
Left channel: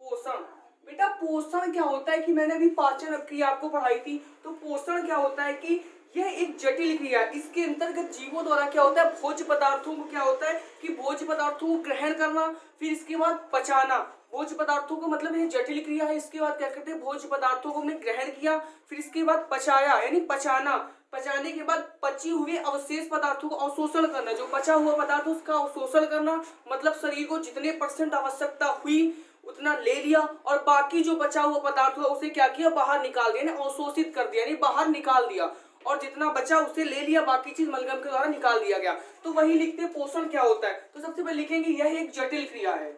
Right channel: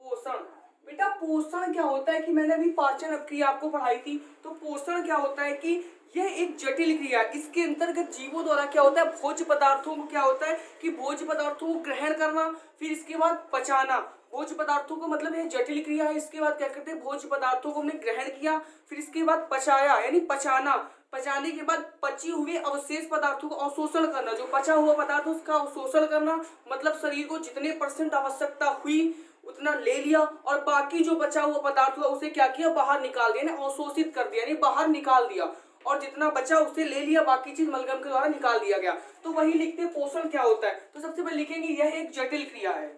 पोषण बेटा, पोषण क्या होता है कि मैंने अभी पाचन क्रिया आपको पढ़ाई थी। तो पोषण क्या होता है कि यह एक जटिल क्रिया, इसके अंतर्गत जीवों द्वारा क्या होता है? भोज्य पदार्थों को क्या होता है कि भोज्य पदार्थों को ग्रहण करना, फिर इसके बाद पचाना। भोज्य पदार्थों को मतलब यह जटिल क्रिया है। इसके बाद क्या करते हैं? भोज्य पदार्थों को हमने ग्रहण किया, फिर इसके बाद पचाया यानी पचाना। पचाने के बाद पचे हुए अवशेष पदार्थों को अवशोषण करना, जो बचा हुआ पदार्थ उसका अवशोषण करना, मतलब शरीर को जितने % आवश्यकता हुई उतना ले लिया और बाकी जो बचा हुआ पदार्थ हुआ उसे क्या किया? बाहर निकाल दिया, अवशोषित कर दिया, यानी बाहर निकाल दिया। और जितना बचा उसे ले लिया, बाकी चीज मलगम के द्वारा निकाल दिया गया। तो वही लिखते हैं पोषण क्या होता है। तो सबसे पहले लिखेंगे यह एक जटिल क्रिया है।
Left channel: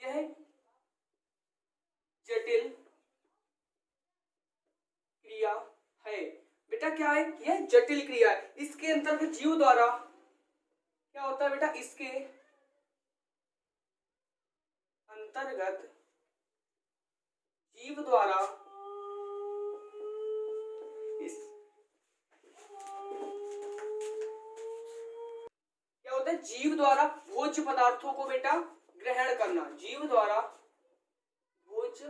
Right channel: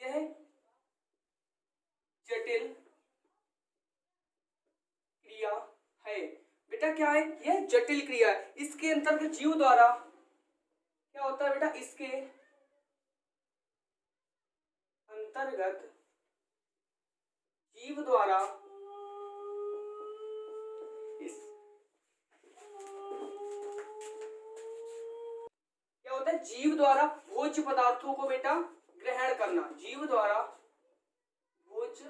यह जटिल क्रिया है बेटा। क्या है? यह जटिल क्रिया है। इसके अंतर्गत जीव द्वारा क्या होता है बेटा? इसके अंतर्गत जीव द्वारा क्या होता है? जीव द्वारा भोज्य पदार्थों को बेटा ग्रहण करना। जीव द्वारा भोज्य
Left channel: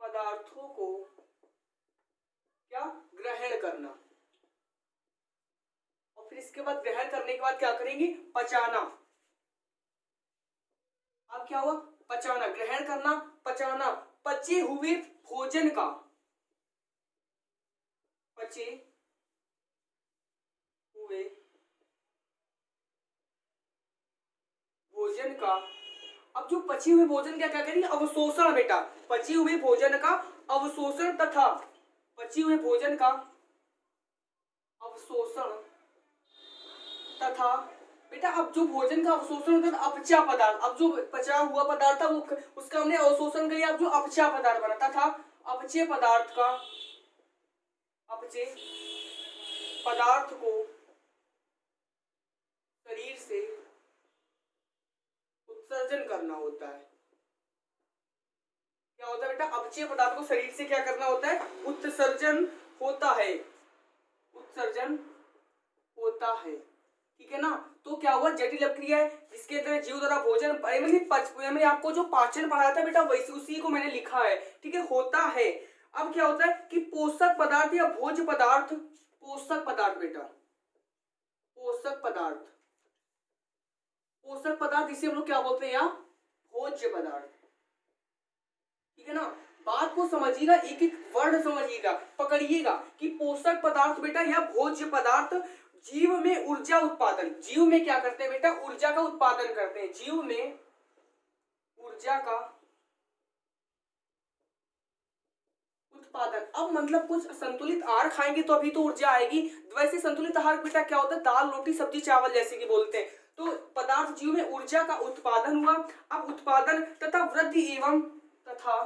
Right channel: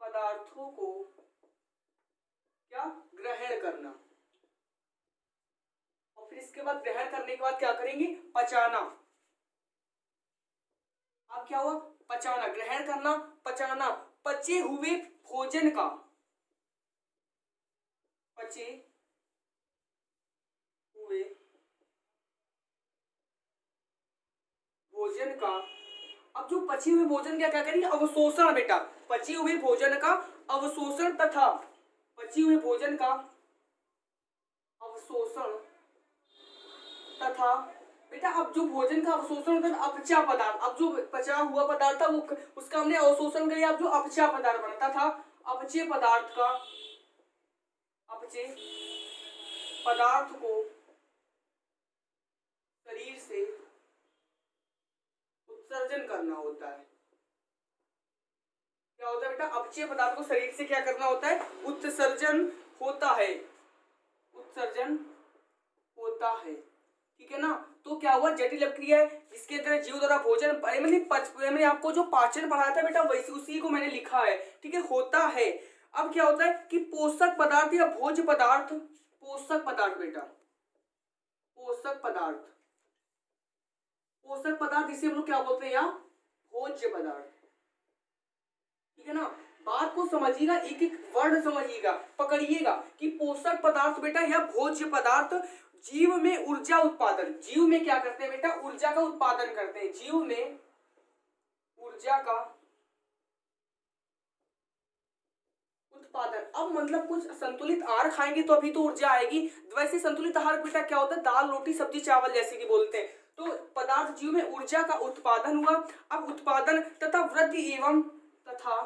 पदार्थों को क्या ग्रहण करना, और फिर इसके बाद ग्रहण करने के बाद क्या करेंगे? पचाना। अब क्या हुआ? पचाना, ग्रहण करना, पचाना। पचे हुए भोजन का, पचे हुए भोजन का, अब जो पचे हुए भोजन का क्या करेंगे? अवशोषण बेटा। पचे हुए भोजन का अवशोषण तथा पचे हुए भोजन का अवशोषण तथा बेटा, अब जो भोजन का अवशोषण होता है अपचा पदार्थ, अब जो पचा हुआ पदार्थ था वो उसका हमने अवशोषण किया, अब जो अपचा पदार्थ बना तथा अपचे पदार्थ का, अपचे पदार्थ को शरीर से उत्सर्जन करना होता है। क्या होता है बेटा? अपचय पदार्थ को शरीर से क्या करना होता है? उत्सर्जन होता है, उत्सर्जन होता होता है, ठीक है ना। तो क्या हुआ, जटिल अपक्रिया है जिसके अंदर जीव द्वारा भोजन मैंने आपको जो पाचन पढ़ाया था बेटा वैसे उसी को मैंने लिखा है, ठीक है, होता है। अब क्या होता है कि पोषक पदार्थ या भोज्य पदार्थ, पोषक पदार्थ बेटा, पोषक पदार्थ, पोषक पदार्थ इसे हम लोग क्या बोलते हैं या भोज्य पदार्थ, ठीक है ना। बात को समझिएगा, एक एक वर्ड समझिएगा, पकड़िएगा कि पोषक पदार्थ बेटा या भोज्य पदार्थ जीव में ऊर्जा उत्पादन, जीव में क्या करते हैं बेटा, ऊर्जा का उत्पादन करते हैं, जीव में ऊर्जा का उत्पादन। अब मतलब कुछ संतुलित आहार खाएंगे तो अभी तो ऊर्जा आएगी, वैसे संतुलित आहार बेटा क्या होता है, दाल रोटी सब्जी चावल जैसे कि बोलते हैं। तो पदार्थ जीव में ऊर्जा का उत्पादन हुआ। अब उत्पादन तथा वृद्धि एवं तथा,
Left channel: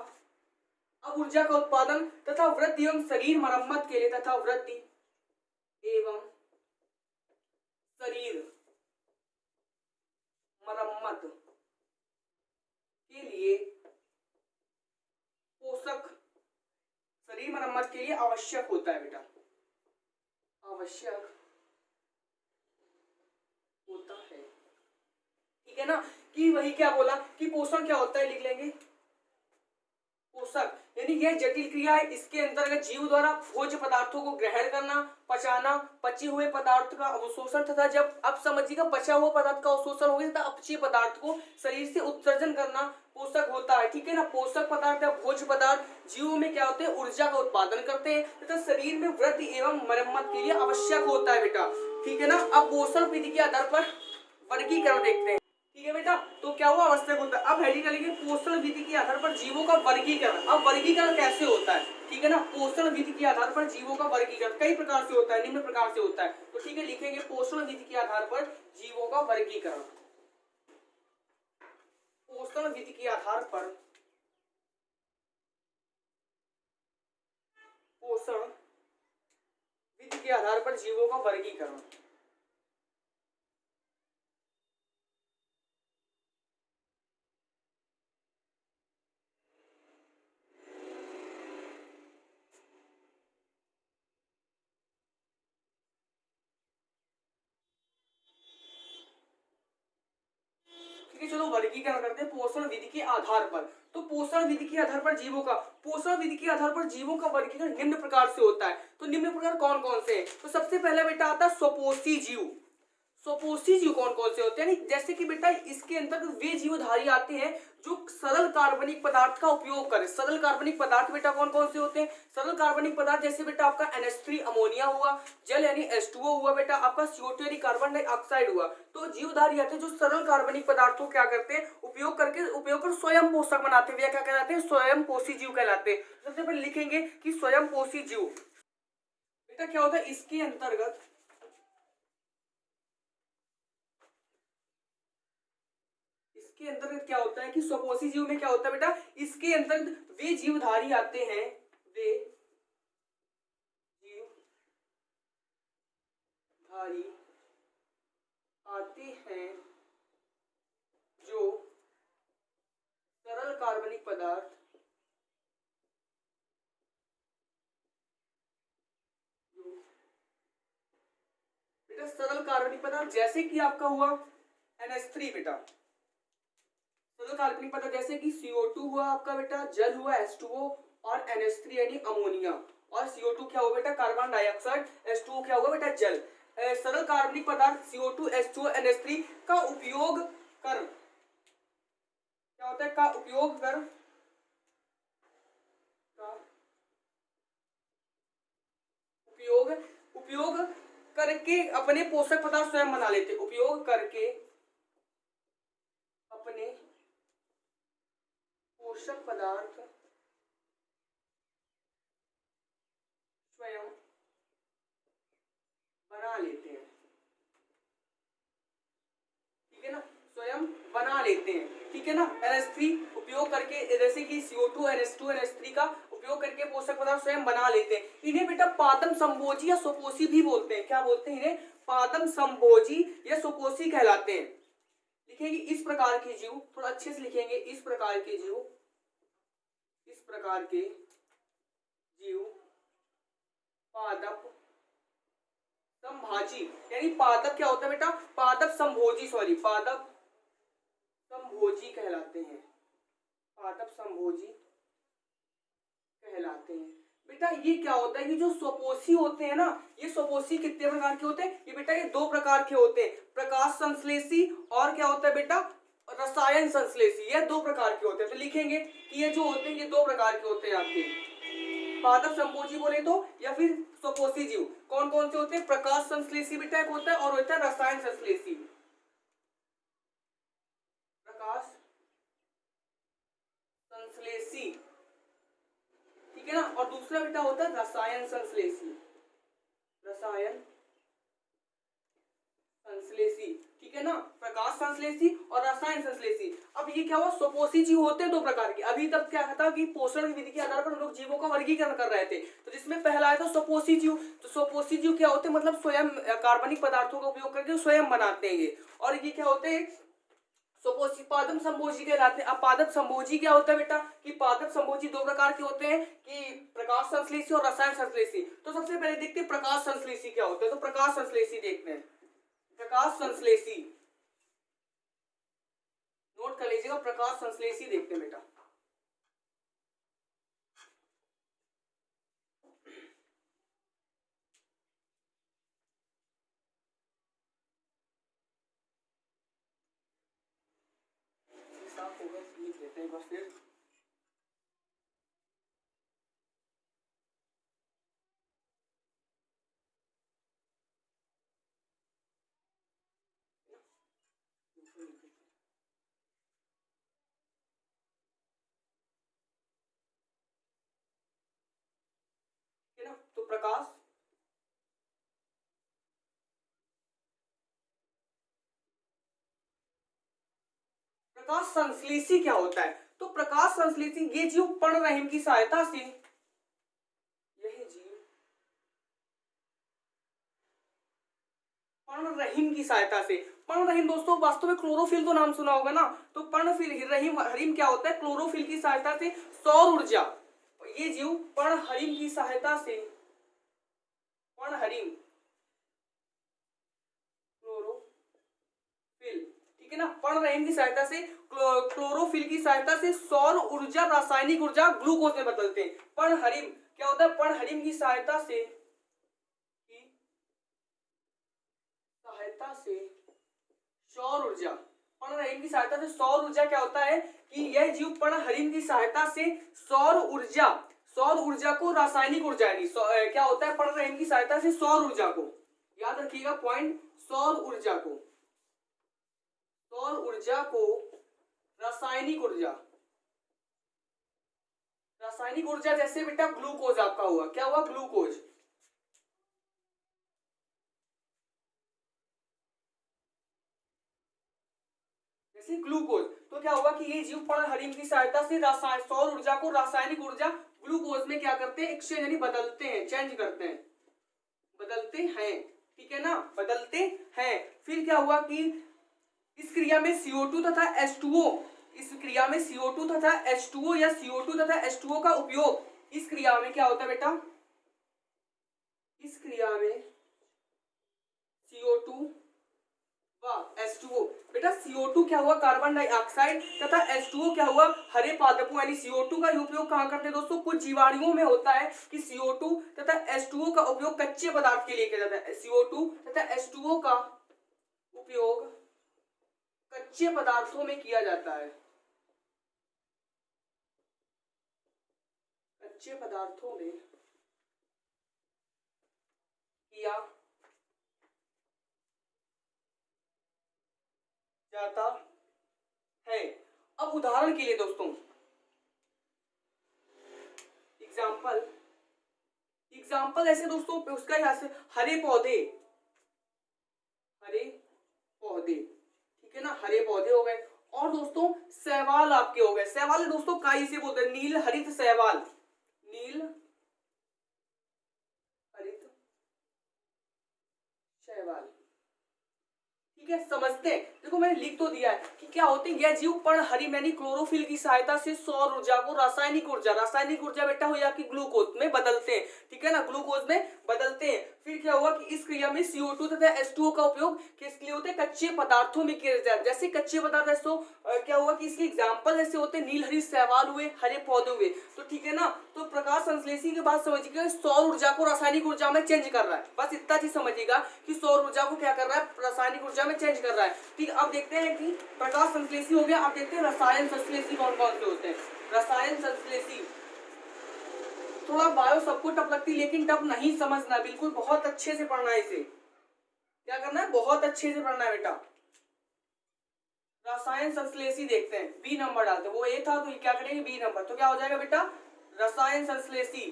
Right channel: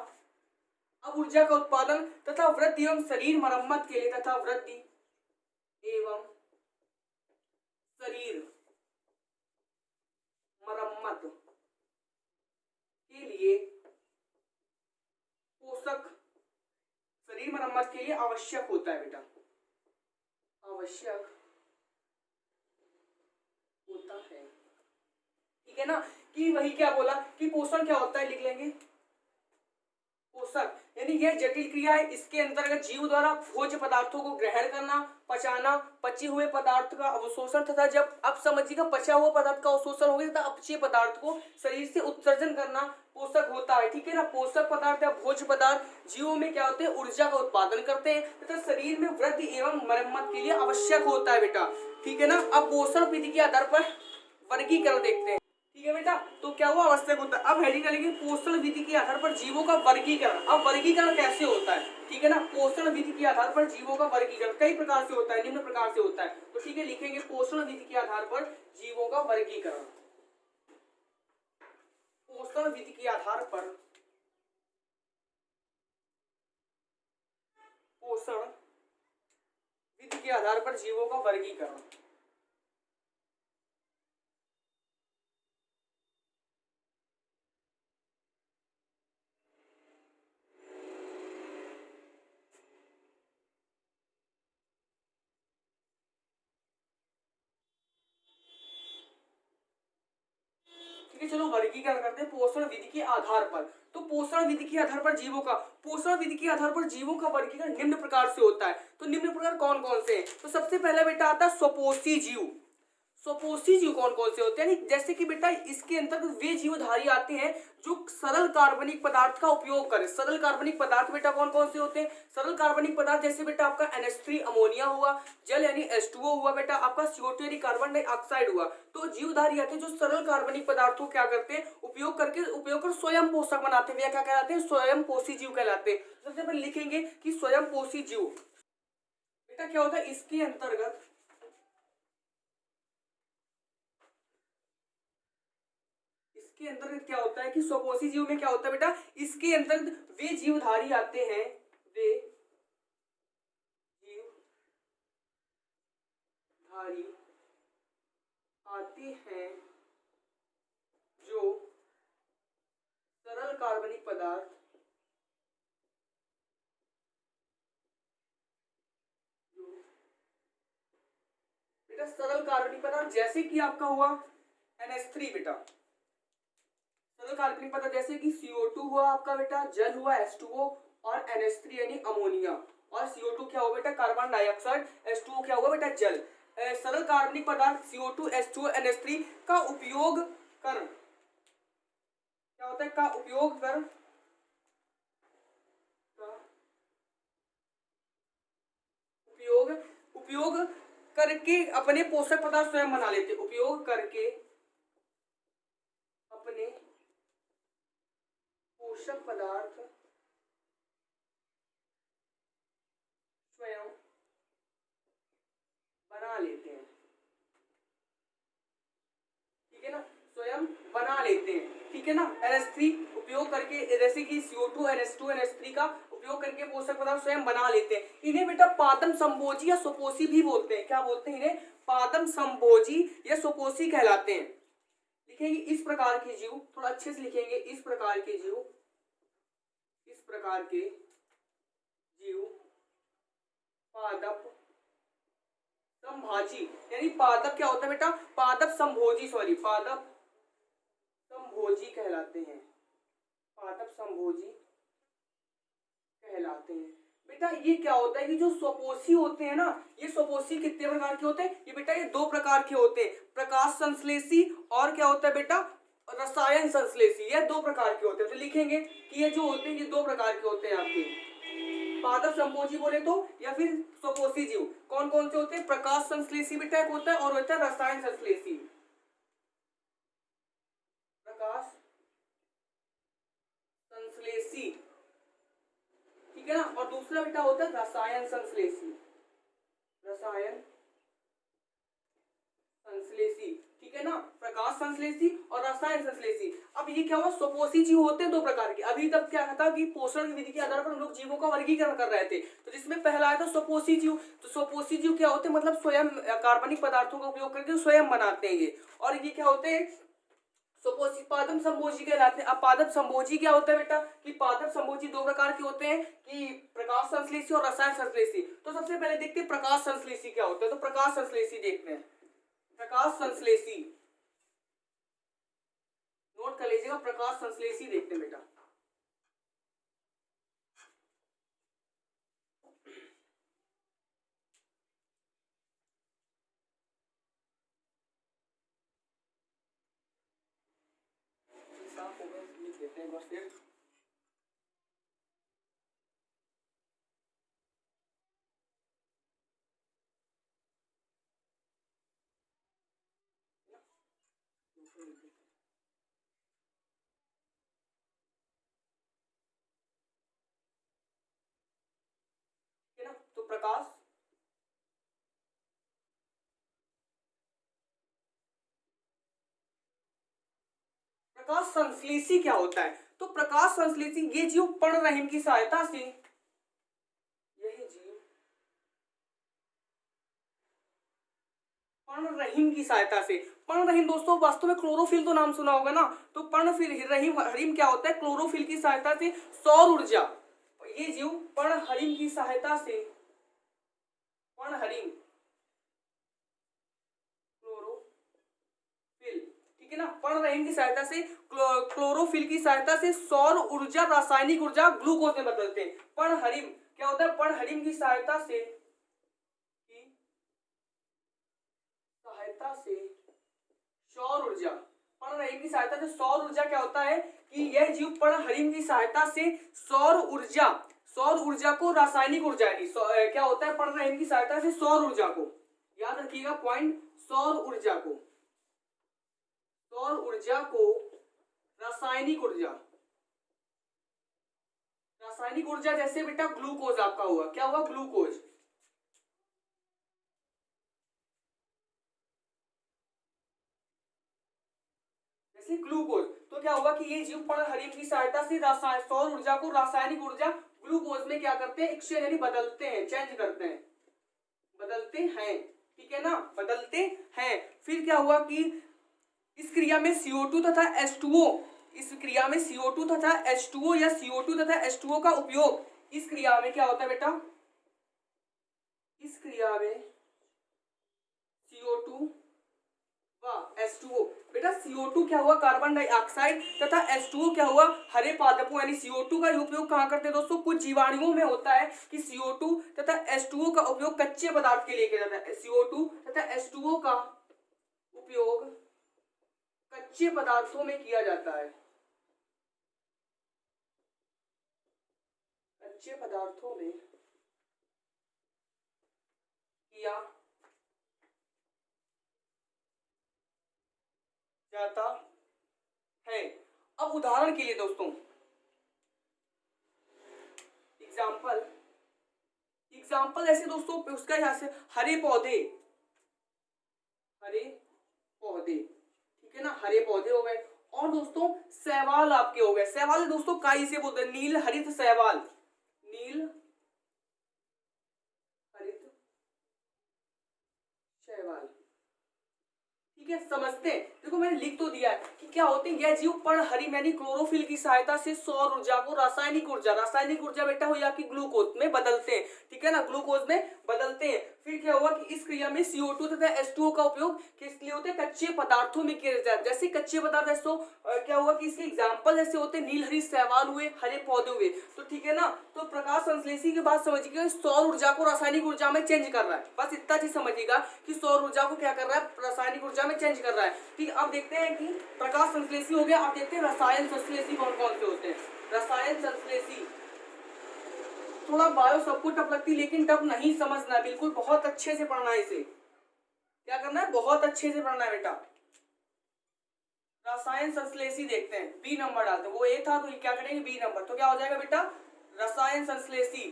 अब ऊर्जा का उत्पादन तथा वृद्धि एवं शरीर मरम्मत के लिए, तथा वृद्धि एवं शरीर मरम्मत के लिए पोषक, शरीर मरम्मत के लिए आवश्यक होता है बेटा, आवश्यक होता है, ठीक है ना। कि वही क्या बोला कि पोषण क्या होता है, लिख लेंगे पोषक, यानी यह जटिल क्रिया है, इसके अंतर्गत जीव द्वारा भोज्य पदार्थों को ग्रहण करना, पचाना, पचे हुए पदार्थ का अवशोषण तथा जब, अब समझिएगा, पचा हुआ पदार्थ का अवशोषण हो गया तथा अपचे पदार्थ को शरीर से उत्सर्जन करना पोषक होता है, ठीक है ना। पोषक पदार्थ या भोज्य पदार्थ जीवों में क्या होते हैं, ऊर्जा का उत्पादन करते हैं तथा शरीर में वृद्धि एवं मरम्मत के लिए आवश्यक होता है बेटा, ठीक है ना। अब पोषण विधि के आधार पर वर्गीकरण देखते हैं, ठीक है बेटा। तो क्या हुआ, आवश्यक होता है। अब हेडिंग लिखिए पोषण विधि के आधार पर जीवों का वर्गीकरण। अब वर्गीकरण कैसे होता है, ठीक है ना। पोषण विधि के आधार पर जीवों का वर्गीकरण कई प्रकार से होता है, निम्न प्रकार से होता है। तो ठीक है, लिखेंगे पोषण विधि के आधार पर जीवों का वर्गीकरण, पोषण विधि के आधार पर पोषण विधि के आधार पर जीवों का वर्गीकरण। ठीक है, चलो वर्गीकरण करते हैं पोषण विधि के आधार पर। तो पोषण विधि के आधार पर जीवों का, पोषण विधि के आधार पर जीवों का वर्गीकरण निम्न प्रकार से होता है। तो निम्न प्रकार कौन कौन से हैं, तो सबसे पहला बेटा आता है स्वपोषी जीव। स्वपोषी जीव कौन कौन से होते हैं, जैसे कि बेटा इसके अंतर्गत वे जीवधारी आते हैं जो सरल कार्बनिक पदार्थ का उपयोग करें। सरल कार्बनिक पदार्थ बेटा कौन कौन से होते हैं, सरल कार्बनिक पदार्थ जैसे बेटा आपका NH3 अमोनिया हुआ, जल यानी H2O हुआ बेटा, आपका CO2 यानी कार्बन डाइऑक्साइड हुआ। तो जीवधारी आते हैं जो सरल कार्बनिक पदार्थों क्या करते हैं, उपयोग कर स्वयं पोषक बनाते हैं, क्या कहलाते हैं, स्वयं पोषी जीव कहलाते हैं। सबसे पहले लिखेंगे कि स्वयं पोषी जीव बेटा क्या होता है, इसके अंतर्गत क्या होता है कि स्वपोषी जीव में क्या होता है बेटा, इसके अंतर्गत वे जीवधारी आते हैं, वे जीवधारी आते हैं जो सरल कार्बनिक पदार्थ बेटा, सरल कार्बनिक पदार्थ जैसे कि आपका हुआ NH3 बेटा, सरल कार्बनिक पदार्थ जैसे कि CO2 हुआ आपका बेटा, जल हुआ H2O और NH3 यानी अमोनिया, और CO2 क्या हुआ बेटा, कार्बन डाइऑक्साइड, H2O क्या हुआ बेटा, जल। सरल कार्बनिक पदार्थ CO2 H2O NH3 का उपयोग कर, क्या होता है, का उपयोग कर, उपयोग उपयोग करके अपने पोषक पदार्थ स्वयं बना लेते, उपयोग करके अपने पोषक पदार्थ स्वयं बना लेते हैं, ठीक है ना, स्वयं बना लेते हैं, ठीक है ना। NH3 उपयोग करके, जैसे कि CO2 NH2 NH3 का उपयोग करके पोषक पदार्थ स्वयं बना लेते हैं। इन्हें बेटा पादम संभोजी या स्वपोषी भी बोलते हैं, क्या बोलते हैं इन्हें, पादम संभोजी या स्वपोषी कहलाते हैं। लिखेंगे इस प्रकार के जीव, थोड़ा अच्छे से लिखेंगे, इस प्रकार के जीव, इस प्रकार के जीव पादप संभाजी संभाजी, यानी पादप क्या होता है बेटा, पादप संभोजी, सॉरी पादप संभोजी कहलाते हैं, पादप संभोजी कहलाते हैं। बेटा ये क्या होता है कि जो स्वपोषी होते हैं ना, ये स्वपोषी कितने प्रकार के होते हैं, ये बेटा ये दो प्रकार के होते हैं, प्रकाश संश्लेषी और क्या होता है बेटा, रसायन संश्लेषी, ये दो प्रकार के होते हैं। तो लिखेंगे कि ये जो होते हैं ये दो प्रकार के होते हैं आपके, पादप संभोजी बोले तो या फिर स्वपोषी जीव। कौन कौन से होते हैं, प्रकाश संश्लेषी भी टाइप होता है और होता है रसायन संश्लेषी, प्रकाश संश्लेषी, ठीक है ना, और दूसरा बेटा होता है रसायन संश्लेषी, रसायन संश्लेषी, ठीक है ना, प्रकाश संश्लेषी और रसायन संश्लेषी। अब ये क्या हुआ, स्वपोषी जीव होते हैं दो प्रकार के। अभी तक क्या था कि पोषण की विधि के आधार पर हम लोग जीवों का वर्गीकरण कर रहे थे, तो जिसमें पहला आया था स्वपोषी जीव। तो स्वपोषी जीव क्या होते हैं, मतलब स्वयं कार्बनिक पदार्थों का उपयोग करके स्वयं बनाते हैं ये, और ये क्या होते हैं, स्वपोषी पादप संभोजी कहलाते हैं। अब पादप संभोजी क्या होता है बेटा, कि पादप संभोजी दो प्रकार के होते हैं, कि प्रकाश संश्लेषी और रसायन संश्लेषी। तो सबसे पहले देखते हैं प्रकाश संश्लेषी क्या होता है, तो प्रकाश संश्लेषी देखते हैं, प्रकाश संश्लेषी नोट कर लीजिएगा, प्रकाश संश्लेषी देखते हैं बेटा। साफ होगा लिख लेते हैं एक बार फिर। है ना, तो प्रकाश प्रकाश संश्लेषी क्या होता है, तो प्रकाश संश्लेषी ये जीव पर्णरहिम की सहायता से, यही जीव पर्णरहिम की सहायता से, पर्णरहिम दोस्तों वास्तव में क्लोरोफिल तो नाम सुना होगा ना, तो पर्णरहिम हरिम क्या होता है, क्लोरोफिल की सहायता से सौर ऊर्जा, ये जीव पर्णहरिम की सहायता से, पर्णहरिम क्लोरोफिल, ठीक है ना, पर्णरहिम की सहायता से क्लोरोफिल की सहायता से सौर ऊर्जा रासायनिक ऊर्जा ग्लूकोज में बदलते हैं। पर्णहरिम क्या होता है, पर्णहरिम की सहायता से सौर ऊर्जा, पर्णहरिम की सहायता से सौर ऊर्जा क्या होता है कि यह जीव पर्णहरिम की सहायता से सौर ऊर्जा को रासायनिक ऊर्जा यानी क्या होता है, पर्णहरिम की सहायता से सौर ऊर्जा को, याद रखिएगा पॉइंट, सौर ऊर्जा को रासायनिक ऊर्जा जैसे बेटा ग्लूकोज आपका हुआ, क्या हुआ, ग्लूकोज, जैसे ग्लूकोज, तो क्या हुआ कि ये जीव पर्णहरिम की सहायता से सौर ऊर्जा को रासायनिक ऊर्जा ग्लूकोज में क्या करते हैं, एक्सचेंज यानी बदलते हैं, चेंज करते हैं, बदलते हैं, ठीक है ना, बदलते हैं। फिर क्या हुआ कि इस क्रिया में CO2 तथा H2O, इस क्रिया में CO2 तथा H2O या CO2 तथा H2O का उपयोग, इस क्रिया में क्या होता है बेटा, इस क्रिया में CO2 व H2O, बेटा CO2 क्या हुआ, कार्बन डाइऑक्साइड, तथा H2O क्या हुआ, हरे पादपों, यानी CO2 का उपयोग कहाँ करते हैं दोस्तों, कुछ जीवाणुओं में होता है कि CO2 तथा H2O का उपयोग कच्चे पदार्थ के लिए किया जाता है, CO2 तथा H2O का उपयोग कच्चे पदार्थों में किया जाता है, कच्चे पदार्थों में किया जाता है। अब उदाहरण के लिए दोस्तों एग्जाम्पल ऐसे दोस्तों, उसका यहाँ से हरे पौधे, ठीक है ना, हरे पौधे हो गए, और दोस्तों शैवाल आपके हो गए, शैवाल दोस्तों काई से बोलते हैं, नील हरित शैवाल, नील हरित शैवाल, ठीक ठीक है, समझते हैं। देखो मैंने लिख तो दिया है कि क्या होते हैं यह जीव पर्णहरित यानी क्लोरोफिल की सहायता से सौर ऊर्जा को रासायनिक ऊर्जा बेटा हो या कि ग्लूकोज में बदलते हैं, ठीक है ना, ग्लूकोज में बदलते हैं। फिर क्या हुआ कि इस क्रिया में CO2 तथा H2O का उपयोग किसके लिए होते हैं, कच्चे पदार्थों में किया जाता है। जैसे कच्चे पदार्थ है तो क्या हुआ कि इसके एग्जाम्पल जैसे होते हैं नील हरी शैवाल हुए, हरे पौधे हुए, तो ठीक है ना। तो प्रकाश संश्लेषी के बाद समझिएगा सौर ऊर्जा को रासायनिक ऊर्जा में चेंज कर रहा है, बस इतना चीज समझिएगा कि सौर ऊर्जा को क्या कर रहा है, रासायनिक ऊर्जा में चेंज कर रहा है। ठीक, अब देखते हैं कि प्रकाश संश्लेषी हो गया, अब देखते हैं रसायन संश्लेषी कौन कौन से होते हैं। रसायन संश्लेषी थोड़ा बायो सबको टफ लगती है, लेकिन टफ नहीं समझना, बिल्कुल बहुत अच्छे से पढ़ना है। इसे क्या करना है, बहुत अच्छे से पढ़ना है बेटा। रसायन संश्लेषी देखते हैं, बी नंबर डालते हैं, वो ए था तो क्या करेंगे बी नंबर, तो क्या हो जाएगा बेटा रसायन संश्लेषी।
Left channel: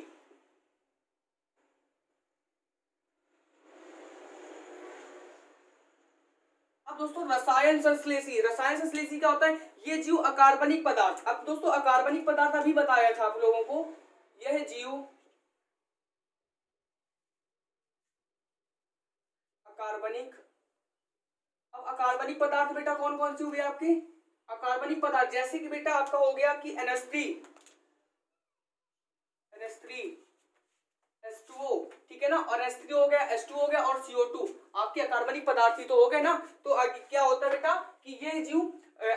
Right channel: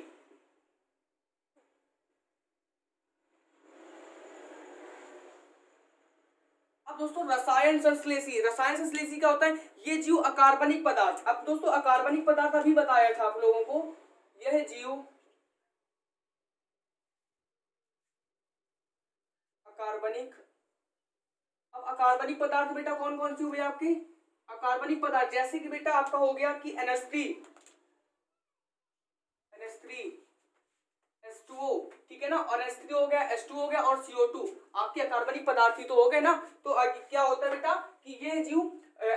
अब दोस्तों रसायन संश्लेषी क्या होता है, ये जीव अकार्बनिक पदार्थ, अब दोस्तों अकार्बनिक पदार्थ अभी बताया था आप लोगों को, यह जीव अकार्बनिक। अब अकार्बनिक पदार्थ बेटा कौन कौन से हुए आपके, अकार्बनिक पदार्थ जैसे कि बेटा आपका हो गया कि NH3 H2O, ठीक है ना, और H3 हो गया, H2 हो गया और CO2 आपके अकार्बनिक पदार्थ ही तो हो गए ना। तो क्या होता है बेटा कि ये जीव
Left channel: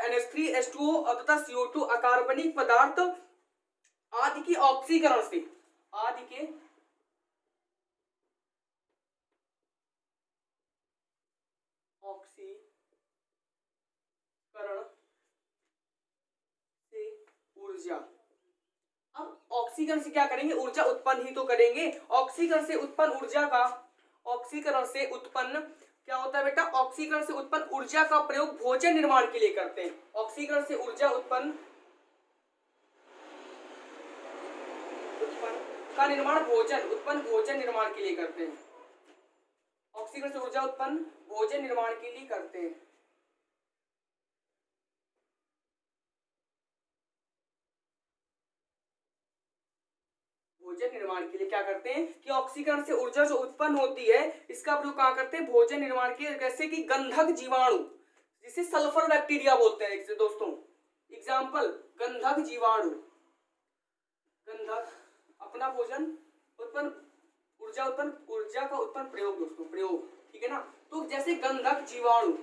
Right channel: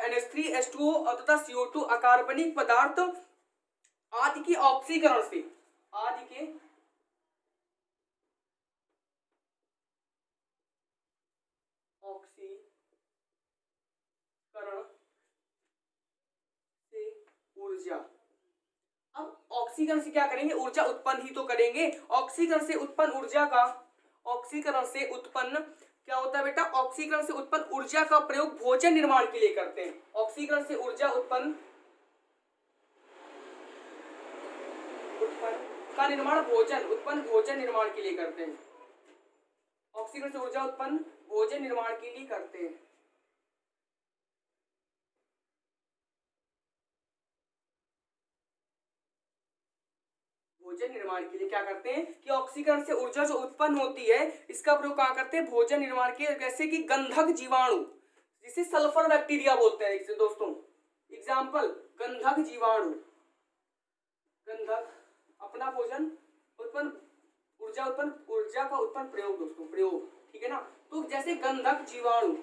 NH3 H2O और तथा CO2 अकार्बनिक पदार्थ आदि की ऑक्सीकरण से, आदि के ऑक्सीकरण से ऊर्जा, अब ऑक्सीकरण से क्या करेंगे, ऊर्जा उत्पन्न ही तो करेंगे। ऑक्सीकरण से उत्पन्न ऊर्जा का, ऑक्सीकरण से उत्पन्न क्या होता है बेटा, ऑक्सीकरण से उत्पन्न ऊर्जा का प्रयोग भोजन निर्माण के लिए करते हैं। ऑक्सीकरण से ऊर्जा उत्पन्न का निर्माण भोजन निर्माण के लिए करते हैं। ऑक्सीकरण से ऊर्जा उत्पन्न भोजन निर्माण के लिए करते हैं। भोजन निर्माण के लिए क्या करते हैं कि ऑक्सीकरण से ऊर्जा जो उत्पन्न होती है इसका प्रयोग कहाँ करते हैं, भोजन निर्माण के, जैसे कि गंधक जीवाणु जिसे सल्फर बैक्टीरिया बोलते हैं दोस्तों, एग्जाम्पल गंधक जीवाणु, गंधक अपना भोजन उत्पन्न ऊर्जा का उत्पन्न प्रयोग दोस्तों, प्रयोग, ठीक है ना। तो जैसे गंधक जीवाणु,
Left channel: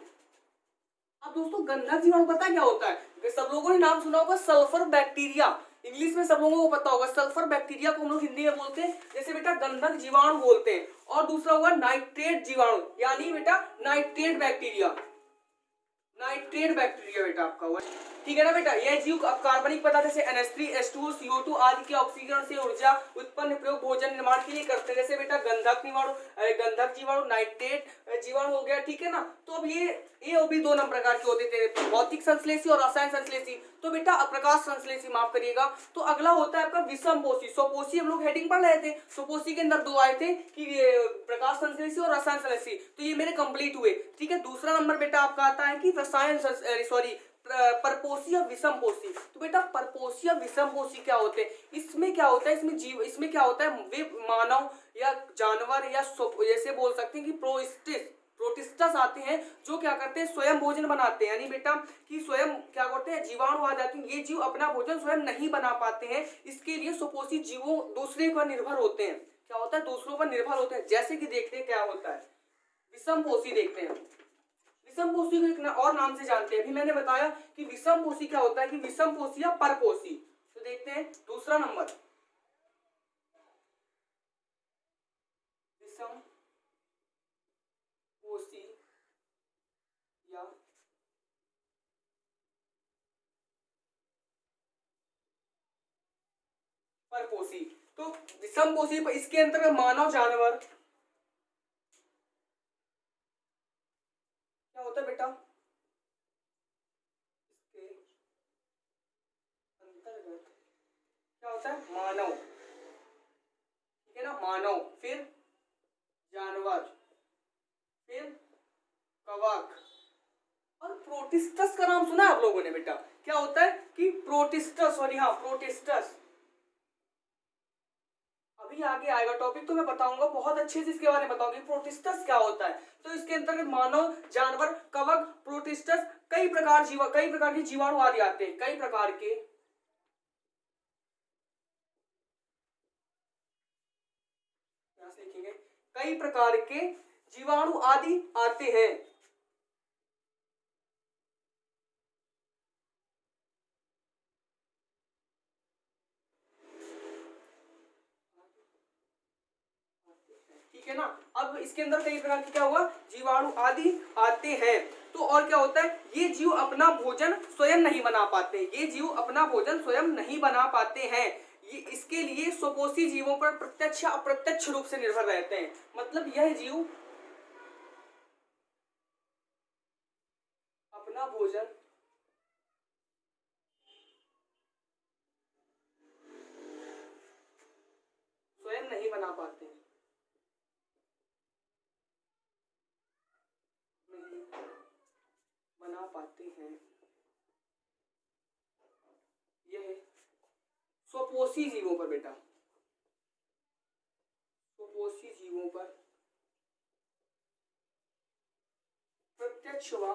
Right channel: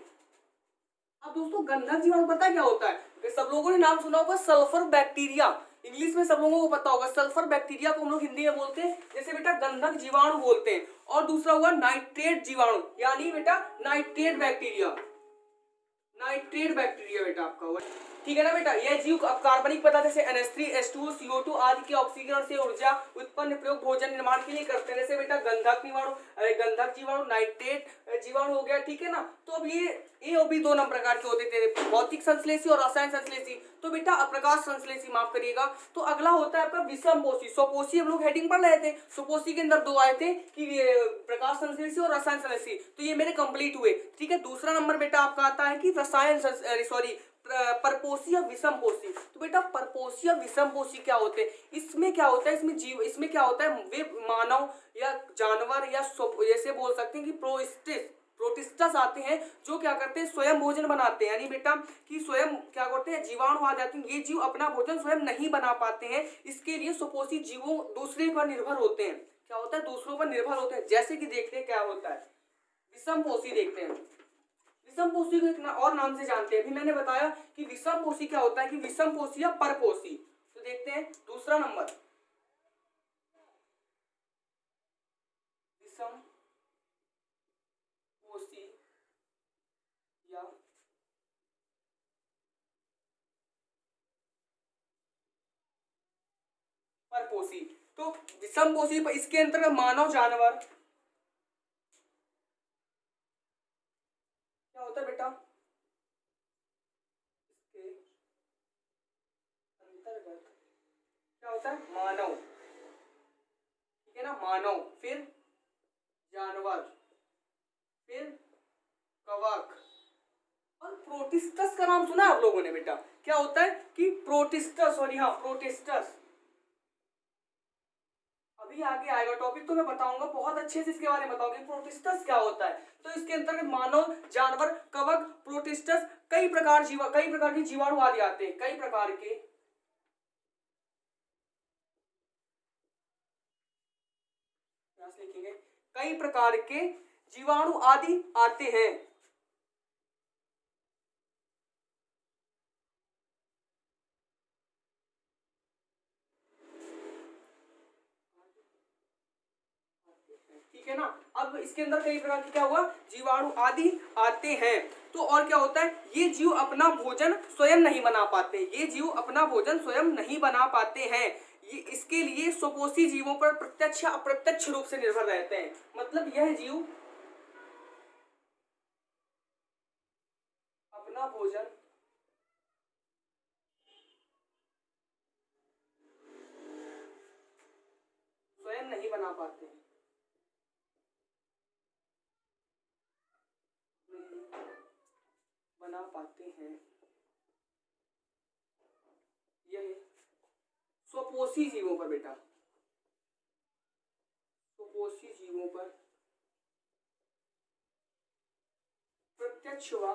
अब दोस्तों गंधक जीवाणु पता क्या होता है, सब लोगों ने नाम सुना होगा सल्फर बैक्टीरिया, इंग्लिश में सब लोगों को पता होगा। सल्फर बैक्टीरिया को हम लोग हिंदी में बोलते हैं जैसे बेटा गंधक जीवाणु बोलते हैं। और दूसरा हुआ नाइट्रेट जीवाणु, यानी बेटा नाइट्रेट बैक्टीरिया, बेटा आपका हुआ, ठीक है ना बेटा। यह जीव कार्बनिक पदार्थ जैसे NH3 H2O CO2 आदि के ऑक्सीकरण से ऊर्जा उत्पन्न प्रयोग भोजन निर्माण के लिए करते हैं। जैसे बेटा गंधक जीवाणु, नाइट्रेट जीवाणु हो गया, ठीक है ना। तो अब ये भी दो नंबर प्रकार के होते थे, भौतिक संश्लेषी और रसायन संश्लेषी। तो बेटा प्रकाश संश्लेषी माफ करिएगा। तो अगला होता है आपका विषमपोषी। स्वपोषी हम लोग हेडिंग पढ़ रहे थे, स्वपोषी के अंदर दो आए थे कि प्रकाश संश्लेषी और रसायन संश्लेषी, तो ये मेरे कंप्लीट हुए, ठीक है। दूसरा नंबर बेटा आपका आता है कि परपोषी और विषमपोषी। तो बेटा परपोषी और विषमपोषी क्या होते हैं, इसमें क्या होता है, इसमें क्या होता है, वे मानव या जानवर या जैसे बोल सकते हैं कि प्रोटिस्टस आते हैं जो क्या करते हैं, स्वयं भोजन बनाते हैं। यानी बेटा कि स्वयं क्या करते हैं, जीवाणु आ जाते हैं, ये जीव अपना भोजन स्वयं नहीं बना पाते हैं, इसके लिए स्वपोषी जीवों दूसरे पर निर्भर होते हैं। क्या होता है, दूसरों पर निर्भर होते हैं। जैसे कि देखते हैं क्या होता है, विषमपोषी देखते हैं। विषमपोषी को एक और नाम से जानते हैं, अभी मैंने बताया कि विषमपोषी क्या होता है, कि विषमपोषी या परपोषी। तो देखते हैं दूसरा नंबर, विषमपोषी या परपोषी। तो विषमपोषी इसके अंतर्गत मानव, जानवर क्या होता है बेटा, इसके अंतर्गत क्या होता है, मानव, ठीक है ना, मानव, फिर जानवर, फिर कवक और प्रोटिस्टस का नाम सुना है आप लोगों ने बेटा। क्या होता है कि प्रोटिस्टस, और यहाँ प्रोटिस्टस। अब अभी आगे आएगा टॉपिक तो मैं बताऊंगा बहुत अच्छे से, इसके बारे में बताऊंगी प्रोटिस्टस क्या होता है। तो इसके अंतर्गत मानव, जानवर, कवक, प्रोटिस्टस, कई प्रकार के जीवाणु आदि आते हैं। कई प्रकार के लिखेंगे, कई प्रकार के जीवाणु आदि आते हैं। ठीक है ना। अब इसके अंदर कई प्रकार के क्या हुआ, जीवाणु आदि आते हैं। तो और क्या होता है, ये जीव अपना भोजन स्वयं नहीं बना पाते, ये जीव अपना भोजन स्वयं नहीं बना पाते हैं। ये इसके लिए स्वपोषी जीवों पर प्रत्यक्ष या अप्रत्यक्ष रूप से निर्भर रहते हैं। मतलब यह जीव अपना भोजन स्वयं नहीं बना पाते हैं, नहीं बना पाते हैं। यह स्वपोषी जीवों पर बेटा, स्वपोषी जीवों पर प्रत्यक्ष व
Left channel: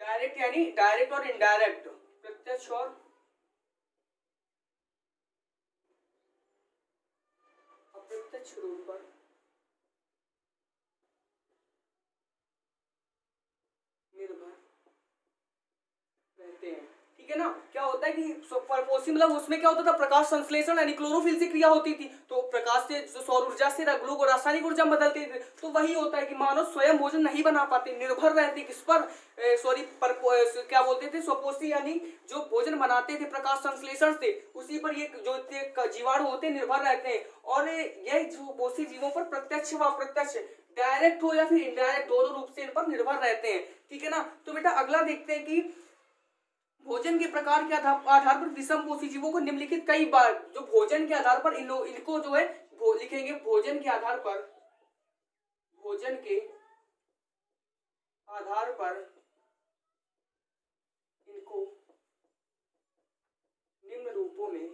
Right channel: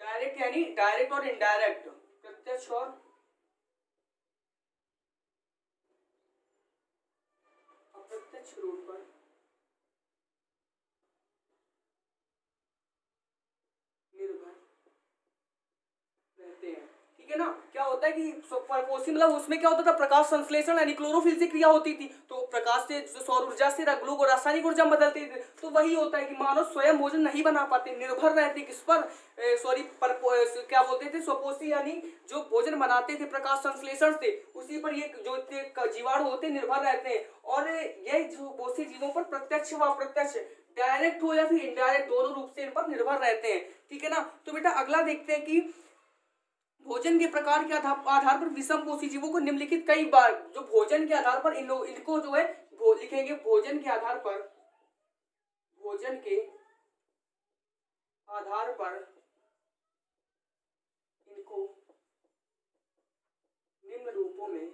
डायरेक्ट, यानी डायरेक्ट और इनडायरेक्ट, प्रत्यक्ष और अप्रत्यक्ष रूप पर निर्भर रहते हैं। ठीक है ना। क्या होता है कि परपोषी मतलब उसमें क्या होता था, प्रकाश संश्लेषण यानी क्लोरोफिल से क्रिया होती थी। तो प्रकाश से जो सौर ऊर्जा से ग्लू रासायनिक ऊर्जा में बदलते थे। तो वही होता है कि मानव स्वयं भोजन नहीं बना पाते, निर्भर रहते किस पर, सॉरी क्या बोलते थे, स्वपोषी यानी जो भोजन बनाते थे प्रकाश संश्लेषण से, उसी पर ये जो जीवाणु होते निर्भर रहते हैं। और यह जो पोषी जीवों पर प्रत्यक्ष व अप्रत्यक्ष, डायरेक्ट हो या फिर इनडायरेक्ट, दोनों रूप से इन पर निर्भर रहते हैं। ठीक है ना। तो बेटा अगला देखते हैं कि भोजन के प्रकार के आधार पर विषम पोषी जीवों को निम्नलिखित कई बार, जो भोजन के आधार पर इनको जो है लिखेंगे, भोजन के आधार पर, भोजन के आधार पर इनको निम्न रूपों में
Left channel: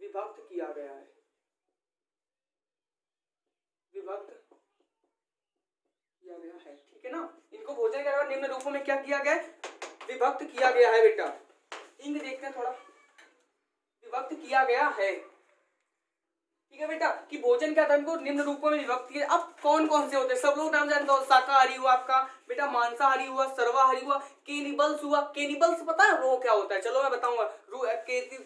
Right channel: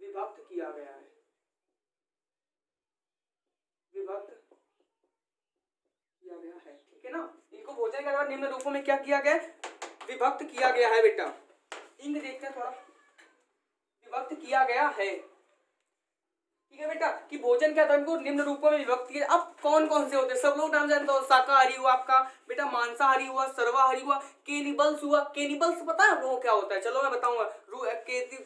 विभक्त किया गया है, विभक्त किया गया है। ठीक है ना। इनको भोजन के आधार निम्न रूपों में क्या किया गया, विभक्त किया गया है बेटा। इंग देखते हैं थोड़ा, विभक्त किया गया है। ठीक है बेटा, कि भोजन के आधार को निम्न रूपों में विभक्त किया। अब कौन कौन से होते हैं, सब लोग नाम जानते हो। शाकाहारी हुआ आपका बेटा, मांसाहारी हुआ, सर्वाहारी हुआ, केनिबल्स हुआ। केनिबल्स पता है वो क्या होता है, चलो मैं बताऊंगा।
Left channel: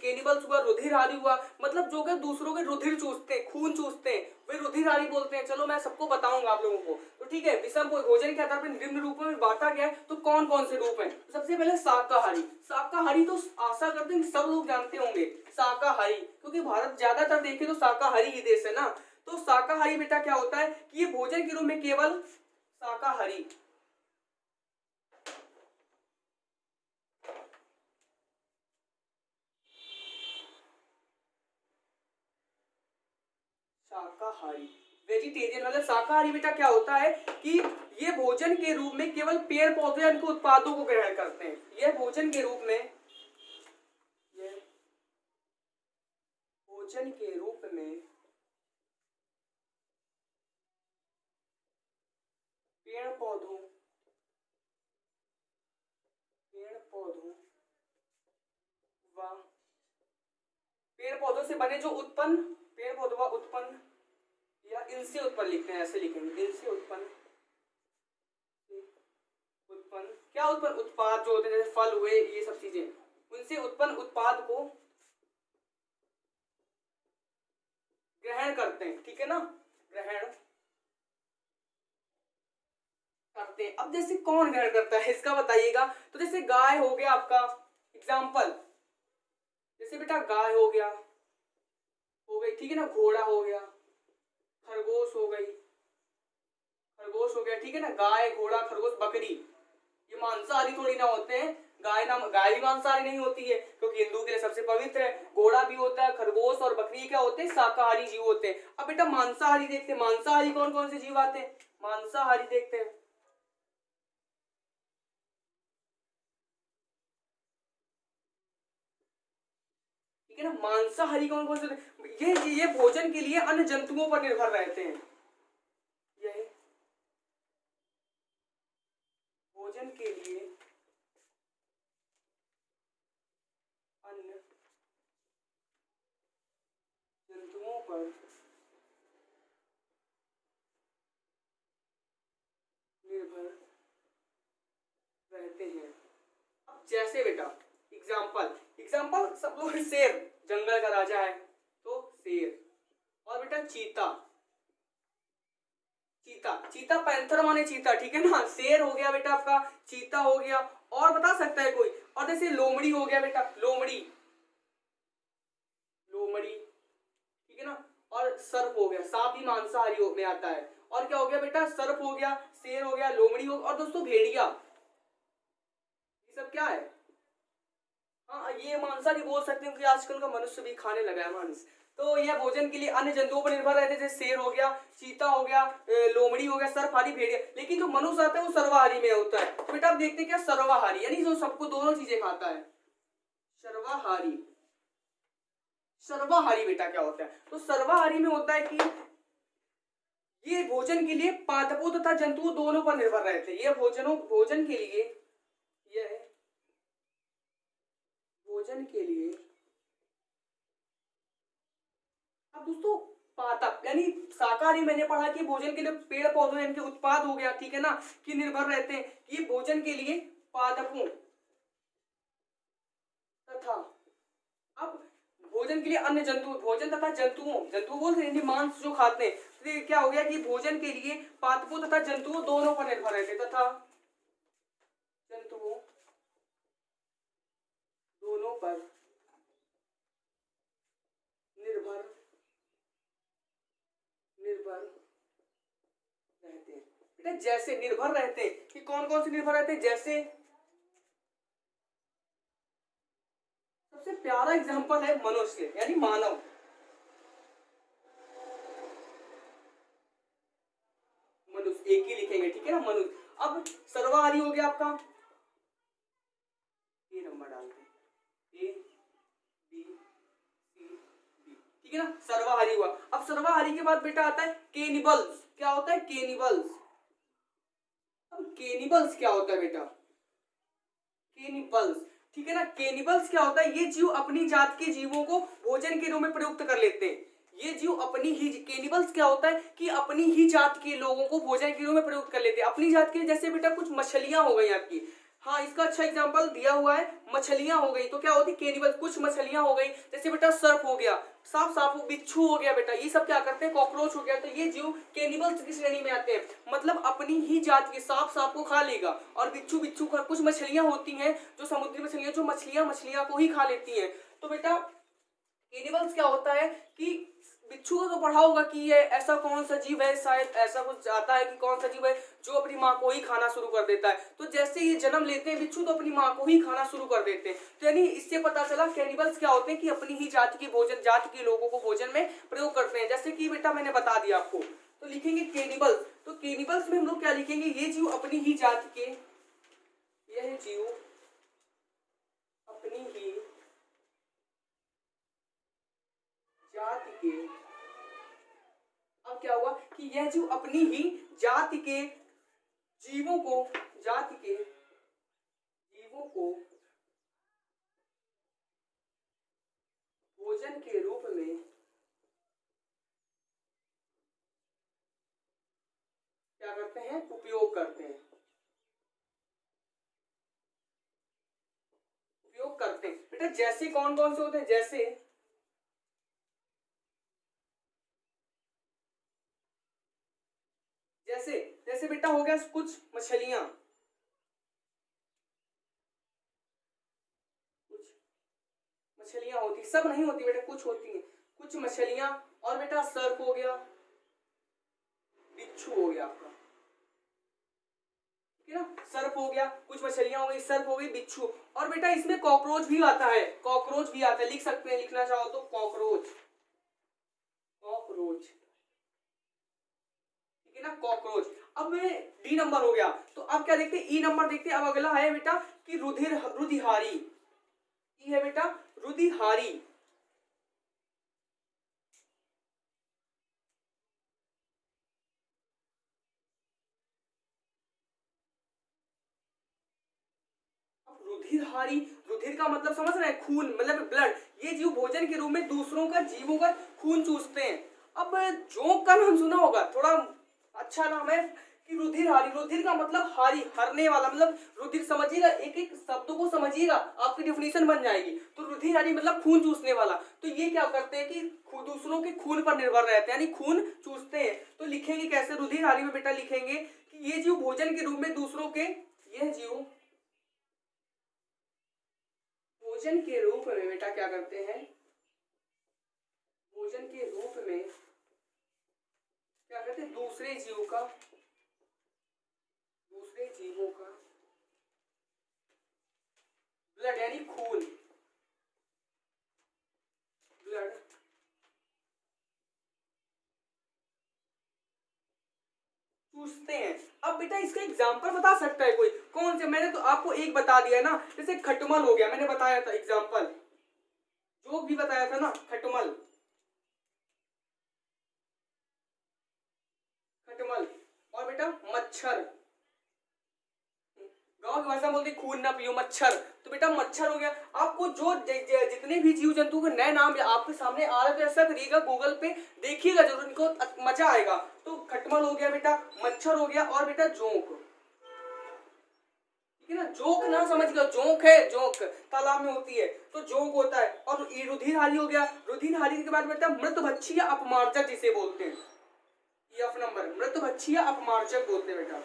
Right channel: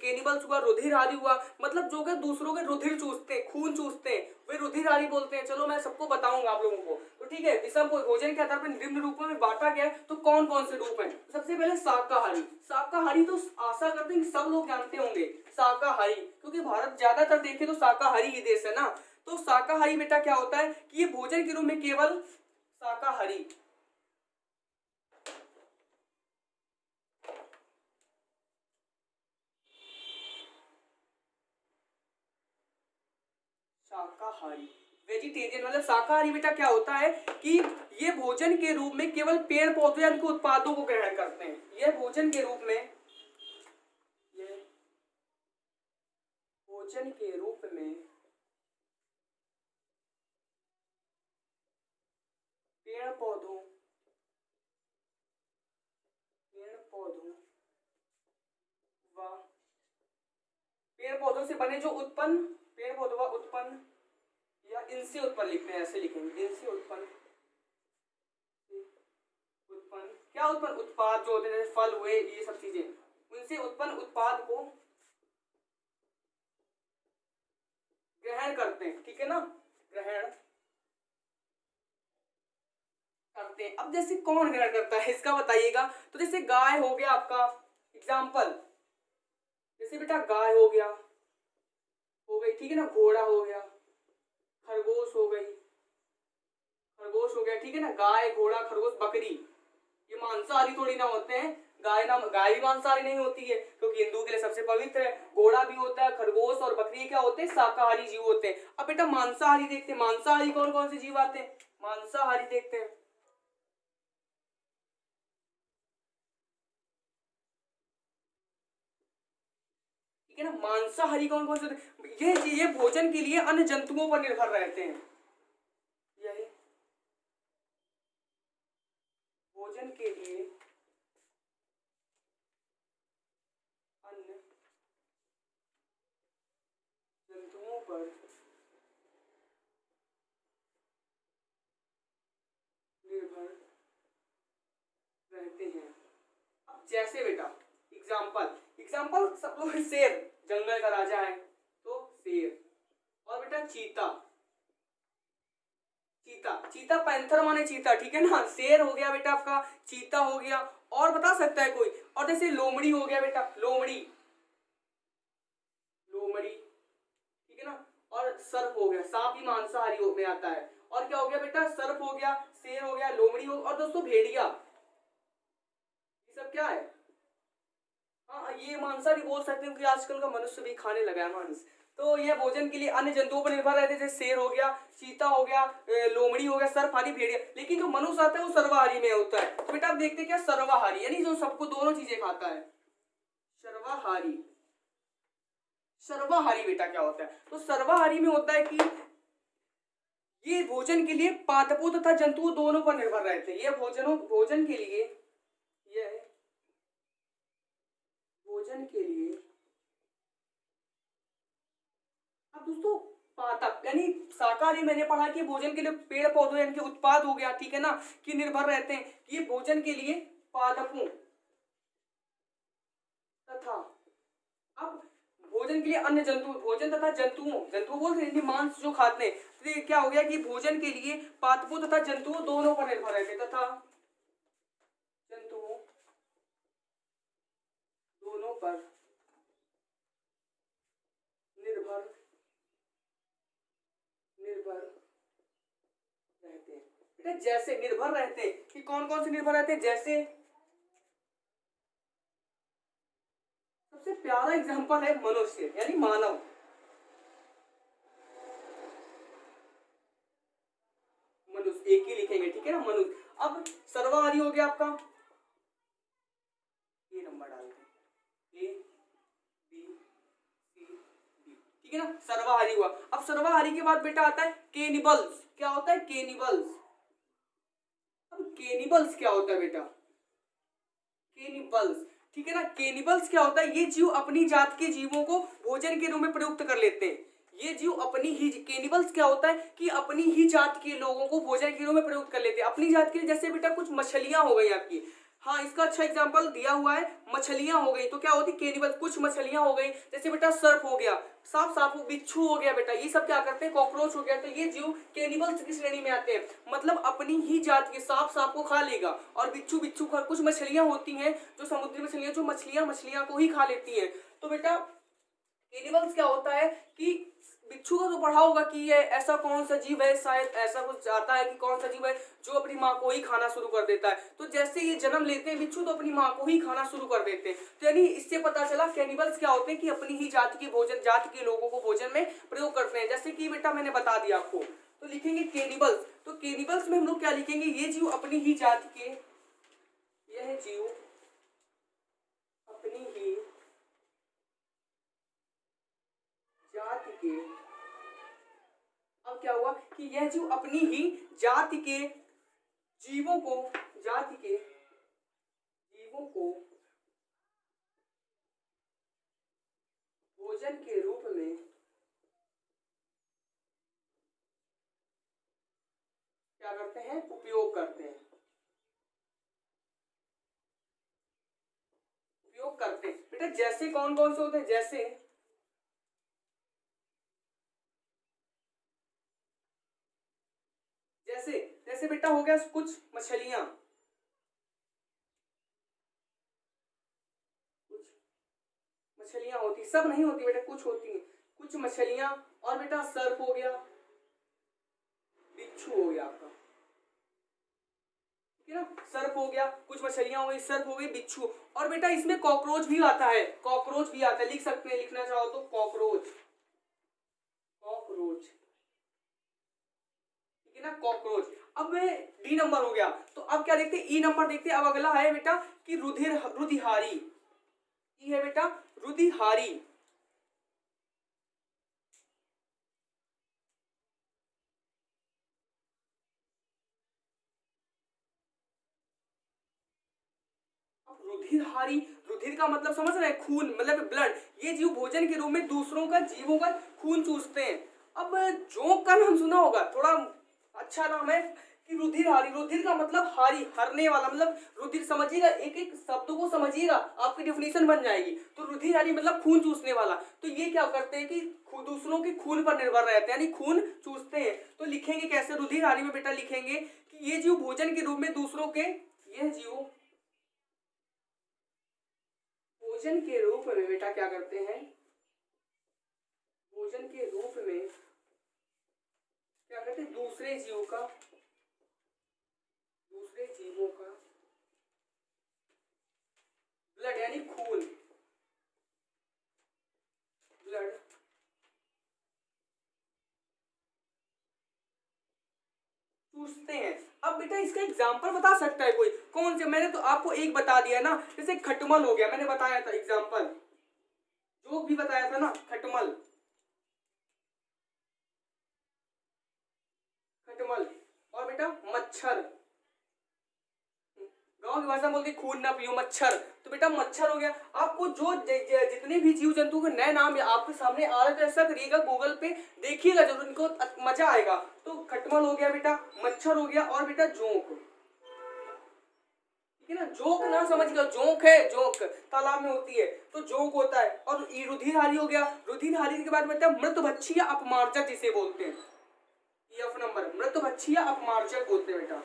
केनिबल्स हुआ, रुधिरहारी हुआ, मतलब जो कि दूसरों के रुधिर चूसते हैं, खून चूसते हैं, वे रुधिरहारी बोलते हैं। चलो मैं सबको बताऊंगा आप लोगों को। तो ठीक है, विषम भोजन के आधार पर निम्न रूपों में बांटा गया है। तो कौन कौन से रूप हैं, सबसे पहले शाकाहारी। शाकाहारी तो आशा करते हैं सब लोग जानते होंगे शाकाहारी, क्योंकि भारत ज्यादातर देखे तो शाकाहारी ही देश है ना। तो शाकाहारी बेटा क्या होता है कि ये भोजन के रूप में केवल शाकाहारी, शाकाहारी वेजिटेरियन मतलब शाकाहारी बेटा क्या होता है कि ये भोजन के रूप में केवल पेड़ पौधे के उत्पादों को ग्रहण करते हैं। यह भोजन के रूप में, यह भोजन के रूप में पेड़ पौधों व पेड़ पौधों से बने जो उत्पन्न, पेड़ पौधों व उत्पन्न या इनसे उत्पन्न लिखते हैं, ऐसे लिखेंगे, इनसे उत्पन्न, उत्पन्न क्या उत्पन्न, उत्पाद जो होते हैं जैसे फल हुए, ये सब चीजें, उनसे उत्पन्न उत्पाद को ग्रहण करते हैं। ठीक है ना, ग्रहण करते हैं। अब जैसे कौन ग्रहण करता है इसका बताइएगा। तो जैसे गाय हो गया आपका एग्जाम्पल, जैसे बेटा गाय हो गया, हो गई, ठीक है ना, घोड़ा हो गया, खरगोश हो गई, खरगोश हो गया, ठीक है ना, गाय घोड़ा खरगोश बकरी, ये मांसाहारी थोड़ी ना होते हैं। गाय भी मांसाहारी नहीं होती है, क्योंकि हिंदू के लिए सबसे पवित्र है। घोड़ा भी होता है, खरगोश और बकरी क्या होते हैं, शाकाहारी जीव होते हैं। अब बेटा मांसाहारी देखते हैं, मांसाहारी कौन कौन से जीव आते हैं, मांसाहारी देखते हैं। ठीक है ना। मांसाहारी कौन कौन से होते हैं? ये भोजन के लिए अन्य जंतुओं पर निर्भर रहते हैं। यही भोजन के लिए अन्य जंतुओं पर निर्भर रहते हैं। जैसे बेटा एग्जाम्पल एग्जाम्पल सब लोग, शेर जंगल का राजा है तो शेर, और बेटा चीता, चीता चीता पैंथर माने चीता, ठीक है ना। शेर हो गया बेटा आपका, चीता हो गया, और बता सकता है कोई? और जैसे लोमड़ी हो गया बेटा, लोमड़ी, लोमड़ी, ठीक है ना। और सर्प हो गया, सांप भी मांसाहारी में आता है। और क्या हो गया बेटा? सर्प हो गया, शेर हो गया, लोमड़ी हो, और दोस्तों भेड़िया, ये सब क्या है? हाँ, ये मांसाहारी बोल सकते हैं क्योंकि आजकल का मनुष्य भी खाने लगा है मांस। तो यह भोजन के लिए अन्य जंतुओं पर निर्भर रहते हैं, जैसे शेर हो गया, चीता हो गया, लोमड़ी हो गया, सर्पहारी, भेड़िया। लेकिन जो मनुष्य आता है वो सर्वाहारी में होता है। तो बेटा आप देखते हैं क्या, सर्वाहारी यानी जो सबको दोनों चीजें खाता है, सर्वाहारी। सर्वाहारी बेटा क्या होता है? तो सर्वाहारी में होता है कि ये भोजन के लिए पादपों तथा जंतुओं दोनों पर निर्भर रहते हैं। ये भोजन के लिए, यह भोजन के लिए, अब दोस्तों पादप यानी शाकाहारी मैंने पढ़ा कि भोजन के लिए पेड़ पौधों यानी कि उत्पाद हो गया, ठीक है ना, कि निर्भर रहते हैं। ये भोजन के लिए पादपों तथा, अब भोजन के लिए अन्य जंतु, भोजन तथा जंतुओं, जंतु बोलते हैं मांस जो खाते हैं। तो ये क्या हो गया कि भोजन के लिए पादपों तथा जंतुओं दोनों पर निर्भर रहते हैं, तथा जंतुओं दोनों पर निर्भर रहते हैं। बेटा जैसे निर्भर रहते हैं कि कौन कौन से निर्भर रहते हैं? जैसे सबसे प्यारा एग्जांपल है मनुष्य यानी मानव, मनुष्य एक ही लिखेंगे, ठीक है ना, मनुष्य। अब सर्वाहारी हो गया आपका, ये नंबर डालते हैं, ए बी सी डी, ठीक है ना, सर्वाहारी हुआ। अब सर्वाहारी के बाद बेटा आता है केनिबल्स। क्या होता है? केनिबल्स। अब केनिबल्स क्या होता है बेटा? केनिबल्स, ठीक है ना। केनिबल्स क्या होता है? ये जीव अपनी जात के जीवों को भोजन के रूप में प्रयुक्त कर लेते हैं। ये जीव अपनी ही, केनिबल्स क्या होता है कि अपनी ही जात के लोगों को भोजन के रूप में प्रयुक्त कर लेते हैं। अपनी जात के, जैसे बेटा कुछ मछलियां हो गई आपकी, हाँ इसका अच्छा एग्जांपल दिया हुआ है, मछलियां हो गई तो क्या होती? केनिबल। कुछ मछलियां हो गई, जैसे बेटा सर्प हो गया, सांप बिच्छू हो गया बेटा, ये सब क्या करते हैं? कॉकरोच हो गया। तो ये जीव केनिबल्स की श्रेणी में आते हैं, मतलब अपनी ही जात के, सांप को खा लेगा, और बिच्छू का। कुछ मछलियां होती हैं जो समुद्री मछलियां, जो मछलियां को ही खा लेती हैं। तो बेटा एनिमल्स क्या होता है कि बिच्छू का तो पढ़ा होगा कि ये ऐसा कौन सा जीव है, शायद ऐसा कुछ आता है कि कौन सा जीव है जो अपनी माँ को ही खाना शुरू कर देता है। तो जैसे ये जन्म लेते हैं बिच्छू तो अपनी माँ को ही खाना शुरू कर देते हैं। तो यानी इससे पता चला कैनिबल्स क्या होते हैं कि अपनी ही जाति के भोजन, जाति के लोगों को भोजन में प्रयोग करते हैं। जैसे कि बेटा मैंने बता दिया आपको, तो लिखेंगे कैनिबल्स। तो कैनिबल्स में हम लोग क्या लिखेंगे? ये जीव अपनी ही जाति के, यह जीव अपनी ही जाति के, अब क्या हुआ कि यह जीव अपनी ही जाति के जीवों को, जाति के जीवों को भोजन के रूप में क्या करते हैं? उपयोग करते हैं, उपयोग करते हैं। बेटा जैसे कौन कौन से होते हैं? जैसे जैसे बेटा हो गया कुछ मछलियां, कुछ मछलियां होती, सब नहीं होती बेटा, कुछ होती हैं, कुछ मछलियां। और बेटा सर्प हो गया, बिच्छू हो गया आपका, ठीक है ना, सर्प हो गया, कुछ मछलियां हो गई, सर्प हो गई, बिच्छू। और बेटा इसमें कॉकरोच भी आता है, कॉकरोच भी आता है, लिख सकते हैं, लिखना चाहो तो कॉकरोच, कॉकरोच, ठीक है ना, कॉकरोच। अब डी नंबर हो गया, तो अब क्या देखते हैं? ई नंबर देखते हैं। अब अगला है बेटा कि रुधिहारी, ई है बेटा रुधिहारी, रुधिरहारी, रुधिर का मतलब समझ रहे हैं, खून मतलब ब्लड। ये जीव भोजन के रूप में दूसरों का, जीवों का खून चूसते हैं। अब जोंक का नाम सुना होगा, थोड़ा अच्छा नाम है कि रुधिरहारी। रुधिर का मतलब हारी, हरने वाला, मतलब रुधिर समझिएगा, एक एक शब्दों को समझिएगा, आपकी डेफिनेशन बन जाएगी। तो रुधिरहारी मतलब खून चूसने वाला। तो ये क्या करते हैं कि दूसरों के खून पर निर्भर रहते हैं, यानी खून चूसते हैं। तो लिखेंगे कैसे रुधिरहारी में बेटा? लिखेंगे कि ये जीव भोजन के रूप में दूसरों के, यह जीव भोजन के रूप में बेटा क्या करते हैं? भोजन के रूप में क्या करते हैं? दूसरे जीव का, दूसरे जीवों का ब्लड यानी खून, ब्लड चूसते हैं। अब बेटा इसका एग्जांपल बता सकता है कोई? कौन से? मैंने तो आपको एक बता दिया ना, जैसे खटमल हो गया, मैंने बताया था एग्जांपल, जो भी बताया था ना, खटमल, खटमल। और बेटा मच्छर, गांव की भाषा में बोलते खून ना पियो, मच्छर। तो बेटा मच्छर हो गया। आपको जो जितने भी जीव जंतु के नए नाम आपके सामने आ रहे थे, ऐसा करिएगा गूगल पे देखिएगा जरूर, इनको मजा आएगा। तो खटमल हो गया बेटा, मच्छर हो गया, और बेटा जोंक, ठीक है ना? जोंक ना समझिएगा, जोंक है, जोंक तालाब में होती है, तो जोंक होता है। और रुधिरहारी हो गया। रुधिरहारी के बाद बेटा मृतभक्षी या अपमार्जक जिसे बोलते हैं, F नंबर, मृतभक्षी या अपमार्जक बोलते हैं बेटा,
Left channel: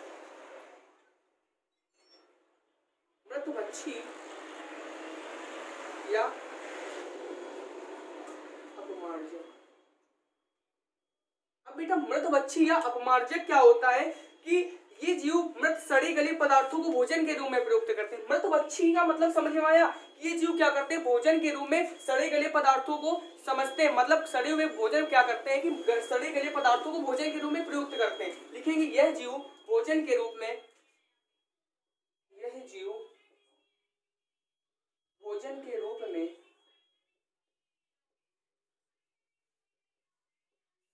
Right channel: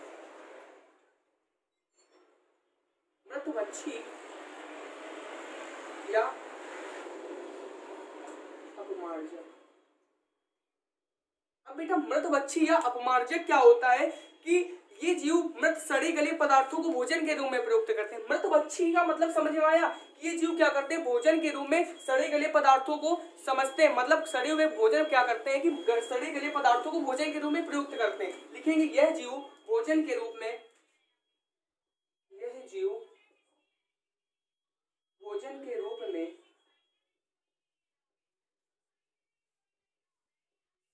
मृतभक्षी या अपमार्जक। अब बेटा मृतभक्षी या अपमार्जक क्या होता है कि ये जीव मृत सड़े गले पदार्थों को भोजन के रूप में प्रयुक्त करते हैं। मृतभक्षी का मतलब समझ में आया? ये जीव क्या करते हैं? भोजन के रूप में सड़े गले पदार्थों को समझते हैं, मतलब सड़े हुए भोजन क्या करते हैं कि सड़े गले पदार्थों को भोजन के रूप में प्रयुक्त करते हैं। लिखेंगे यह जीव भोजन के रूप में, यह जीव भोजन के रूप में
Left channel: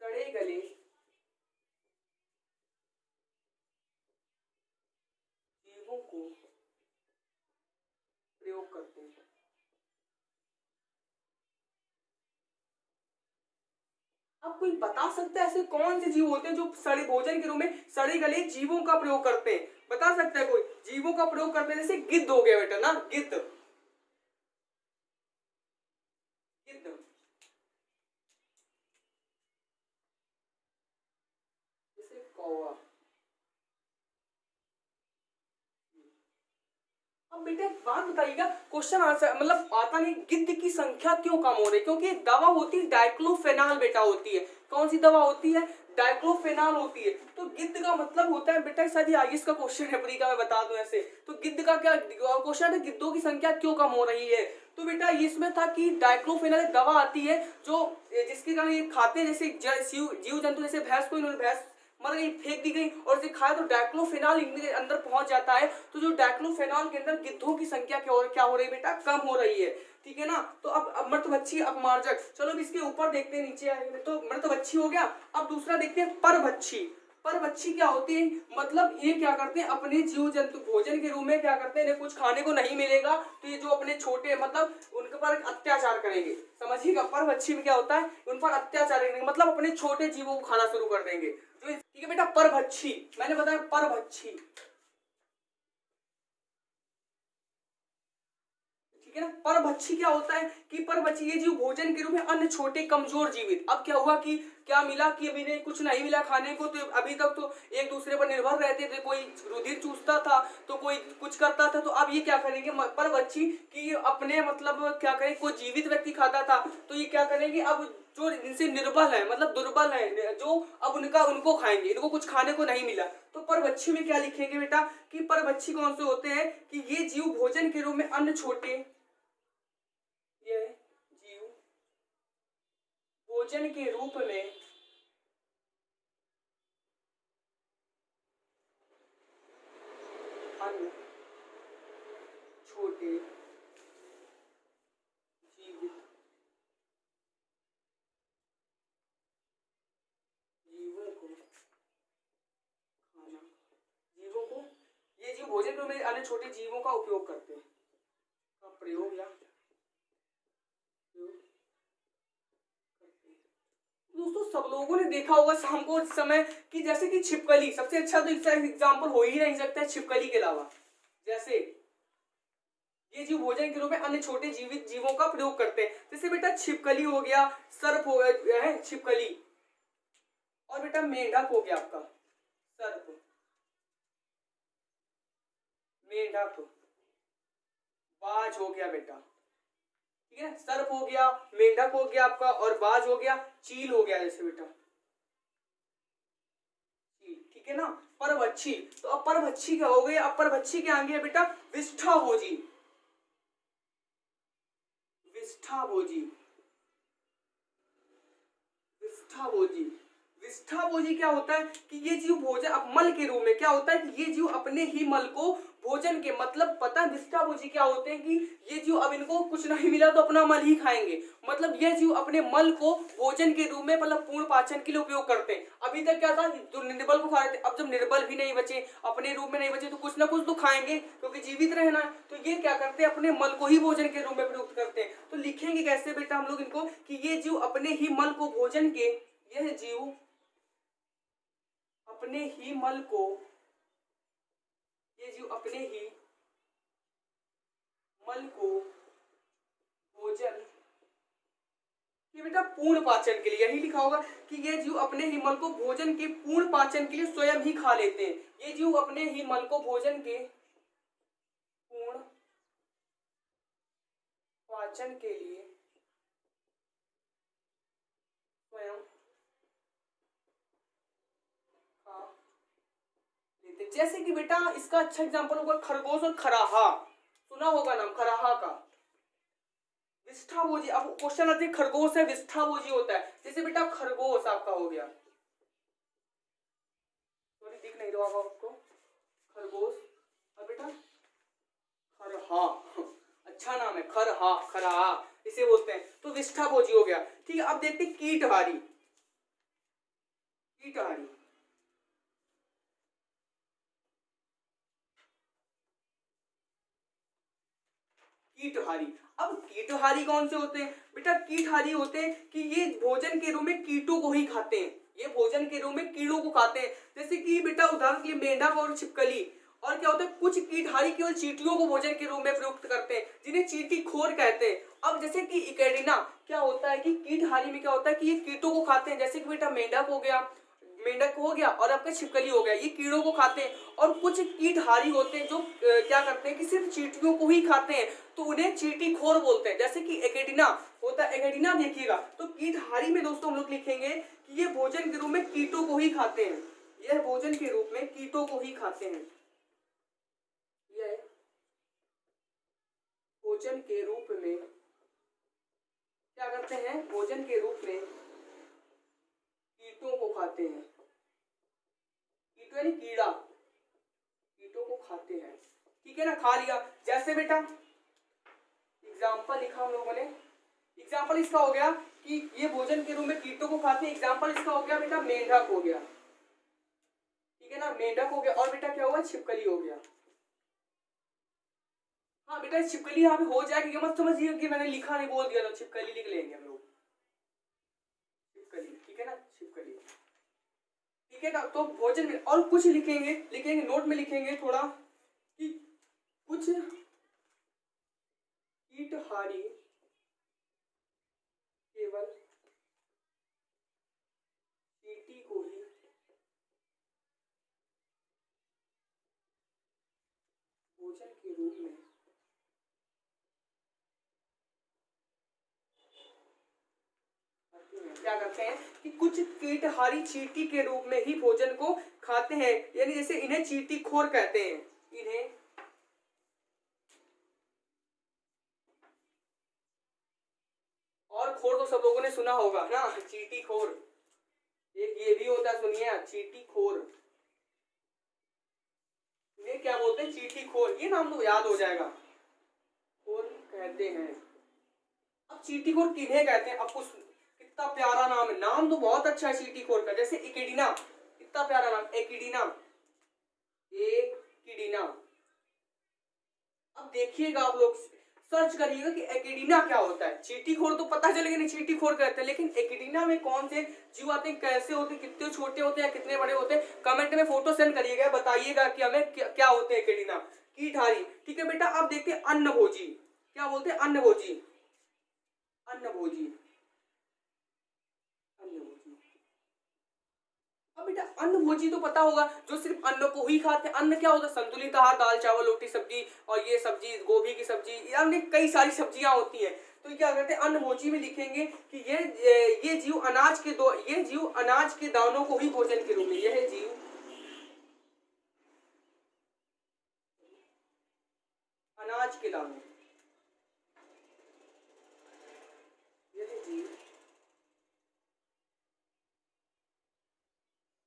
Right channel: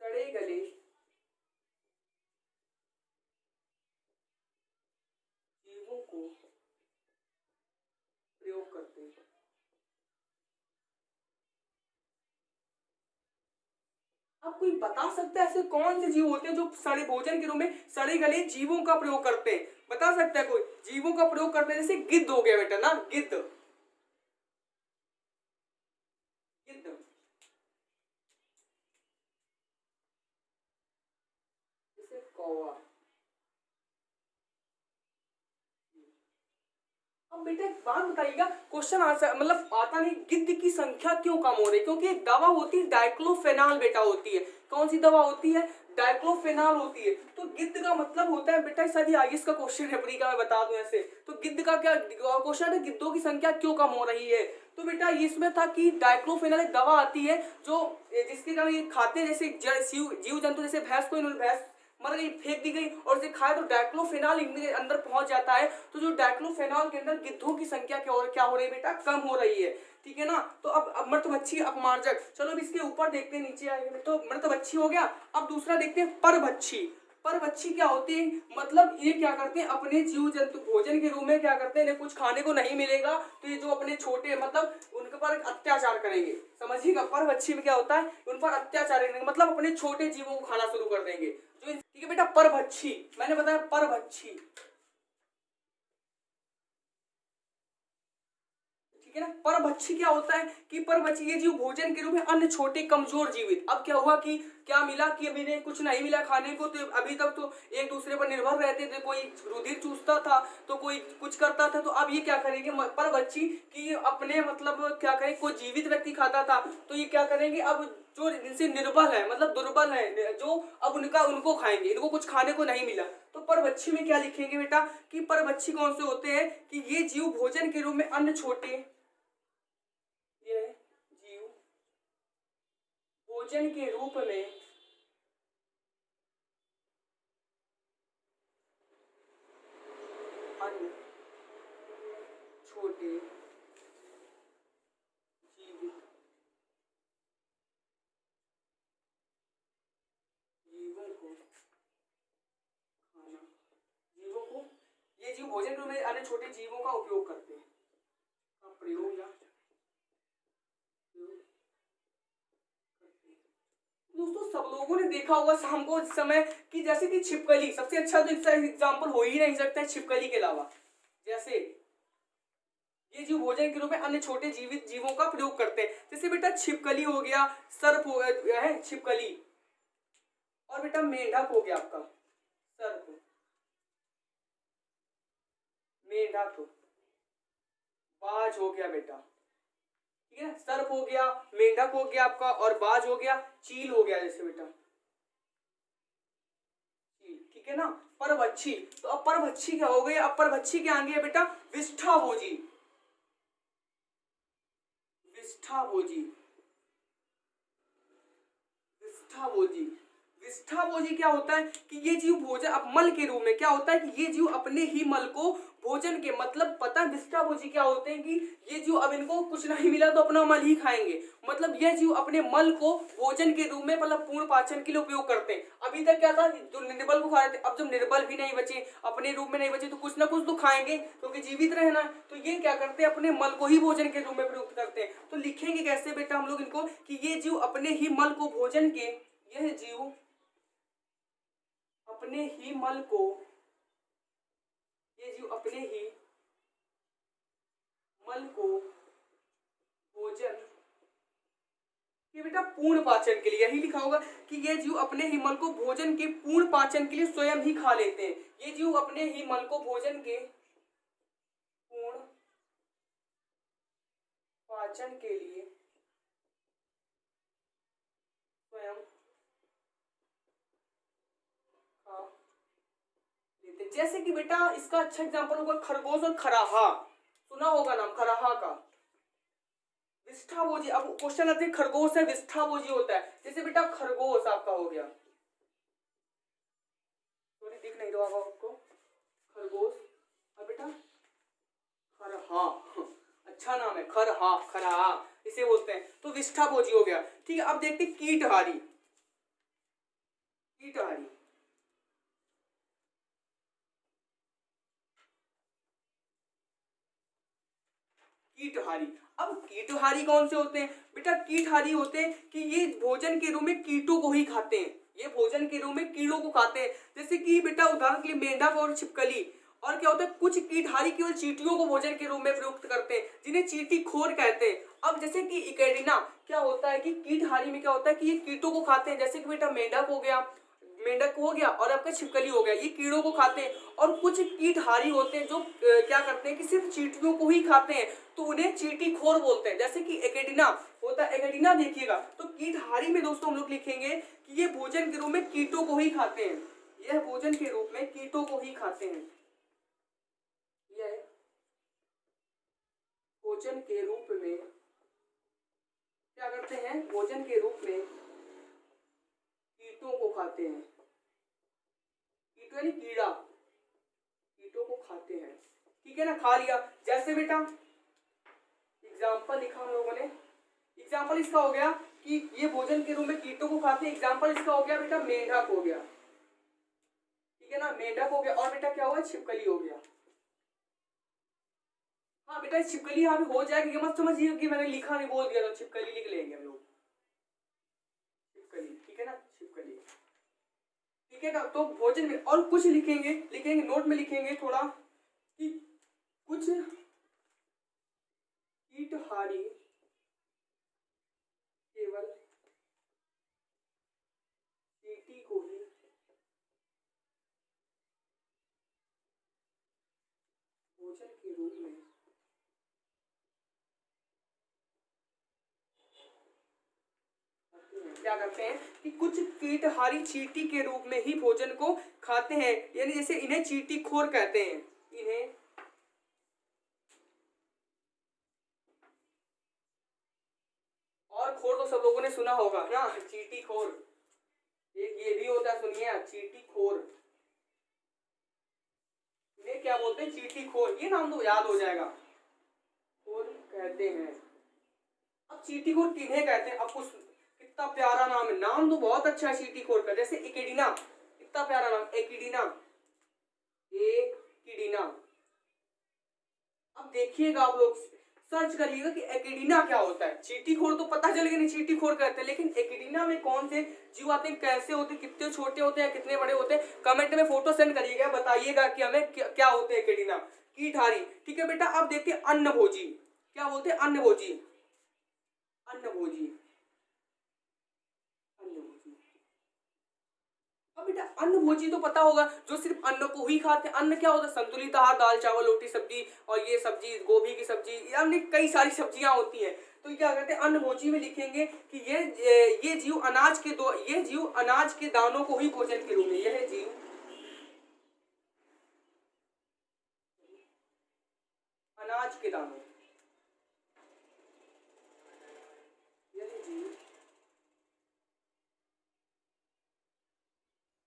सड़े गले जीवों को प्रयोग करते हैं। अब कोई बता सकता है ऐसे कौन से जीव होते हैं जो सड़े भोजन के रूप में सड़े गले जीवों का प्रयोग करते हैं? बता सकता है कोई? जीवों का प्रयोग करते हैं, जैसे गिद्ध हो गया बेटा ना, गिद्ध, गिद्ध, जैसे कौवा। अब बेटा एक बात बताइएगा, क्वेश्चन आंसर मतलब आता नहीं, गिद्ध की संख्या क्यों कम हो रही है? क्योंकि एक दवा होती है डाइक्लोफेनाल बेटा होती है। कौन सी दवा होती है? डाइक्लोफेनाल होती है। तो गिद्ध का मतलब होता है बेटा, शायद आईएएस का क्वेश्चन है, प्री का मैं बता दूं ऐसे। तो गिद्ध का क्या क्वेश्चन है? गिद्धों की संख्या क्यों कम हो रही है? तो बेटा इसमें था कि डाइक्लोफेनाल एक दवा आती है जो, जिसके कारण ये खाते हैं, जैसे जीव जंतु, जैसे भैंस को इन्होंने, भैंस मतलब ये फेंक दी गई और इसे खाया तो डाइक्लोफेनाल इनके अंदर पहुंच जाता है। तो जो डाइक्लोफेनाल के अंदर गिद्धों की संख्या क्या हो रही है बेटा? कम हो रही है, ठीक है ना? तो अब मृतभक्षी अपमार्जक, चलो अब इसके ऊपर देखते हैं, नीचे आएंगे तो मृतभक्षी हो गया। अब दूसरा देखते हैं परभक्षी। परभक्षी क्या होते हैं? मतलब ये क्या करते हैं? अपने जीव जंतु भोजन के रूप में क्या करते हैं? इन्हें कुछ खाने को नहीं मिलेगा तो ये जो अपने छोटे, मतलब उनके पर अत्याचार करेंगे। समझिएगा, परभक्षी में क्या होता है? उन पर अत्याचार करेंगे, मतलब अपने छोटे जीवों को खाना शुरू कर देंगे। जो ठीक है बेटा, परभक्षी, मैंने बताया परभक्षी, ठीक है ना? परभक्षी क्या होता है कि परभक्षी ये जीव भोजन के रूप में अन्य छोटे कमजोर जीवित। अब क्या हुआ कि क्या मिला कि अभी ने कुछ नहीं मिला खाने को, तो अभी तक तो एक दूसरे पर निर्भर रहते थे, कोई रुधिर चूसता था तो कोई कुछ करता था। तो अब ये क्या करेंगे परभक्षी कि अपने मतलब क्या करें, कोई जीवित व्यक्ति खाता था तो ये क्या करेंगे, अब जो इनसे निर्बल है, मतलब दुर्बल है जो, अब उनका उनको खाएंगे, इनको कुछ खाने को नहीं मिला। तो परभक्षी में क्या लिखेंगे बेटा कि परभक्षी कौन से होते हैं कि ये जीव भोजन के रूप में अन्य छोटे, ये जीव भोजन के रूप में अन्य छोटे जीवित जीवों को खाना, जीवों को, ये जीव भोजन के रूप में अन्य छोटे जीवों का उपयोग करते हैं। प्रयोग या दोस्तों सब लोगों ने देखा होगा शाम को इस समय कि जैसे कि छिपकली सबसे अच्छा तो इसका एग्जाम्पल हो ही नहीं सकता है छिपकली के अलावा। जैसे ये जीव भोजन के रूप में अन्य छोटे जीवित जीवों का प्रयोग करते हैं। जैसे बेटा छिपकली हो गया, सर्प हो गया है छिपकली, और बेटा मेंढक हो गया आपका सर्प, मेंढक, बाज हो गया बेटा, ठीक है। सर्प हो गया, मेंढक हो गया आपका, और बाज हो गया, चील हो गया जैसे बेटा चील, ठीक है ना। परभक्षी, तो अब परभक्षी क्या हो गई, अब परभक्षी के आगे है बेटा विष्ठाभोजी, विष्ठाभोजी, विष्ठाभोजी। विष्ठाभोजी क्या होता है कि ये जीव भोजन मल के रूप में क्या होता है कि ये जीव अपने ही मल को भोजन के मतलब पता है विष्ठाभोजी क्या होते हैं कि ये जीव अब इनको कुछ नहीं मिला तो अपना मल ही खाएंगे, मतलब ये जीव अपने मल को भोजन के रूप में मतलब पूर्ण पाचन के लिए उपयोग करते हैं। अभी तक क्या था जो निर्बल को खा रहे थे, अब जब निर्बल भी नहीं बचे अपने रूप में नहीं बचे तो कुछ ना कुछ तो खाएंगे क्योंकि जीवित रहना है, तो ये क्या करते हैं अपने मल को ही भोजन के रूप में प्रयुक्त करते हैं। तो लिखेंगे कैसे बेटा हम लोग इनको कि ये जीव अपने ही मल को भोजन के, यह जीव अपने ही मल को, ये जीव अपने ही मल को भोजन ये बेटा पूर्ण पाचन के लिए, यही लिखा होगा कि ये जीव अपने ही मल को भोजन के पूर्ण पाचन के लिए स्वयं ही खा लेते हैं। ये जीव अपने ही मल को भोजन के पूर्ण पाचन के लिए स्वयं खा लेते। जैसे कि बेटा इसका अच्छा एग्जांपल होगा खरगोश और खराहा, सुना होगा नाम खराहा का। विष्ठाभोजी, अब क्वेश्चन आते हैं खरगोश है विष्ठाभोजी होता है, जैसे बेटा खरगोश आपका हो गया, सॉरी दिख नहीं रहा आपको, खरगोश, और बेटा खरहा, अच्छा नाम है खरहा, खरहा इसे बोलते हैं, तो विष्ठाभोजी हो गया, ठीक है। अब देखते हैं कीटहारी, कीटहारी, कीटहारी। अब कीटहारी कौन से होते हैं बेटा, कीटहारी होते हैं कि ये भोजन के रूप में कीटों को ही खाते हैं, ये भोजन के रूप में कीड़ों को खाते हैं। जैसे कि बेटा उदाहरण के लिए मेंढक और छिपकली, और क्या होता है कुछ कीटहारी केवल चींटियों को भोजन के रूप में प्रयुक्त करते हैं जिन्हें चींटी खोर कहते हैं। अब जैसे कि इकेडिना क्या होता है कि कीटहारी में क्या होता है कि ये कीटों को खाते हैं, जैसे कि बेटा मेंढक हो गया, मेंढक हो गया और आपका छिपकली हो गया, ये कीड़ों को खाते हैं। और कुछ कीटहारी होते हैं जो क्या करते हैं कि सिर्फ चींटियों को ही खाते हैं, तो उन्हें चींटी खोर बोलते हैं, जैसे कि एकेडिना होता है। एकेडिना देखिएगा तो कीटहारी में दोस्तों हम लोग लिखेंगे कि ये भोजन के रूप में कीटों को ही खाते हैं, यह भोजन के रूप में कीटों को ही खाते हैं, यह भोजन के रूप में क्या करते हैं, भोजन के रूप में कीटों को खाते हैं, कीटों यानी कीड़ा, कीटों को खाते हैं, ठीक है ना, खा लिया। जैसे बेटा एग्जाम्पल लिखा हम लोगों ने, एग्जाम्पल इसका हो गया कि ये भोजन के रूप में कीटों को खाते हैं, एग्जाम्पल इसका हो गया बेटा मेंढक हो गया, ठीक है ना, मेंढक हो गया। और बेटा क्या हुआ छिपकली हो गया, हाँ बेटा छिपकली यहाँ पे हो जाएगी, मत समझिए कि मैंने लिखा नहीं बोल दिया तो छिपकली लिख लेंगे हम लोग, छिपकली, ठीक है ना, छिपकली, ठीक है ना। तो भोजन में और कुछ लिखेंगे, लिखेंगे नोट में लिखेंगे थोड़ा कि कुछ कीटहारी केवल चींटी को ही भोजन के रूप में क्या करते हैं कि कुछ कीटहारी चींटी के रूप में ही भोजन को खाते हैं, यानी जैसे इन्हें चींटी खोर कहते हैं, इन्हें और खोर तो सब लोगों ने सुना होगा ना, चींटी खोर, एक ये भी होता है सुनिए चींटी खोर, इन्हें क्या बोलते हैं चींटी खोर, ये नाम तो याद हो जाएगा, खोर कहते हैं। अब चींटी खोर किन्हें कहते हैं, अब कुछ कितना प्यारा नाम है, नाम तो बहुत अच्छा है चींटी खोर का, जैसे इकिडिना, कितना प्यारा नाम एकिडिना, एकिडिना। अब देखिएगा आप लोग सर्च करिएगा कि एकिडीना क्या होता है। चींटीखोर तो पता चलेगा नहीं चींटीखोर कहते हैं, लेकिन एकिडीना में कौन से जीव आते हैं, कैसे होते हैं, कितने छोटे होते हैं, कितने बड़े होते हैं। कमेंट में फोटो सेंड करिएगा, बताइएगा कि हमें क्या होते हैं एकिडीना। कीटहारी, ठीक है बेटा। अब देखते हैं अन्नभोजी। क्या बोलते हैं? अन्नभोजी। अन्नभोजी, अन्नभोजी। अब बेटा अन्नभोजी तो पता होगा, जो सिर्फ अन्न को ही खाते हैं। अन्न क्या होता है? संतुलित आहार, दाल चावल रोटी सब्जी, और ये सब्जी गोभी की सब्जी, यानी कई सारी सब्जियां होती हैं। तो क्या करते हैं, अन्नभोजी में लिखेंगे कि ये जीव ये जीव अनाज के दानों को ही भोजन के रूप में, यह जीव अनाज के दानों, यह जीव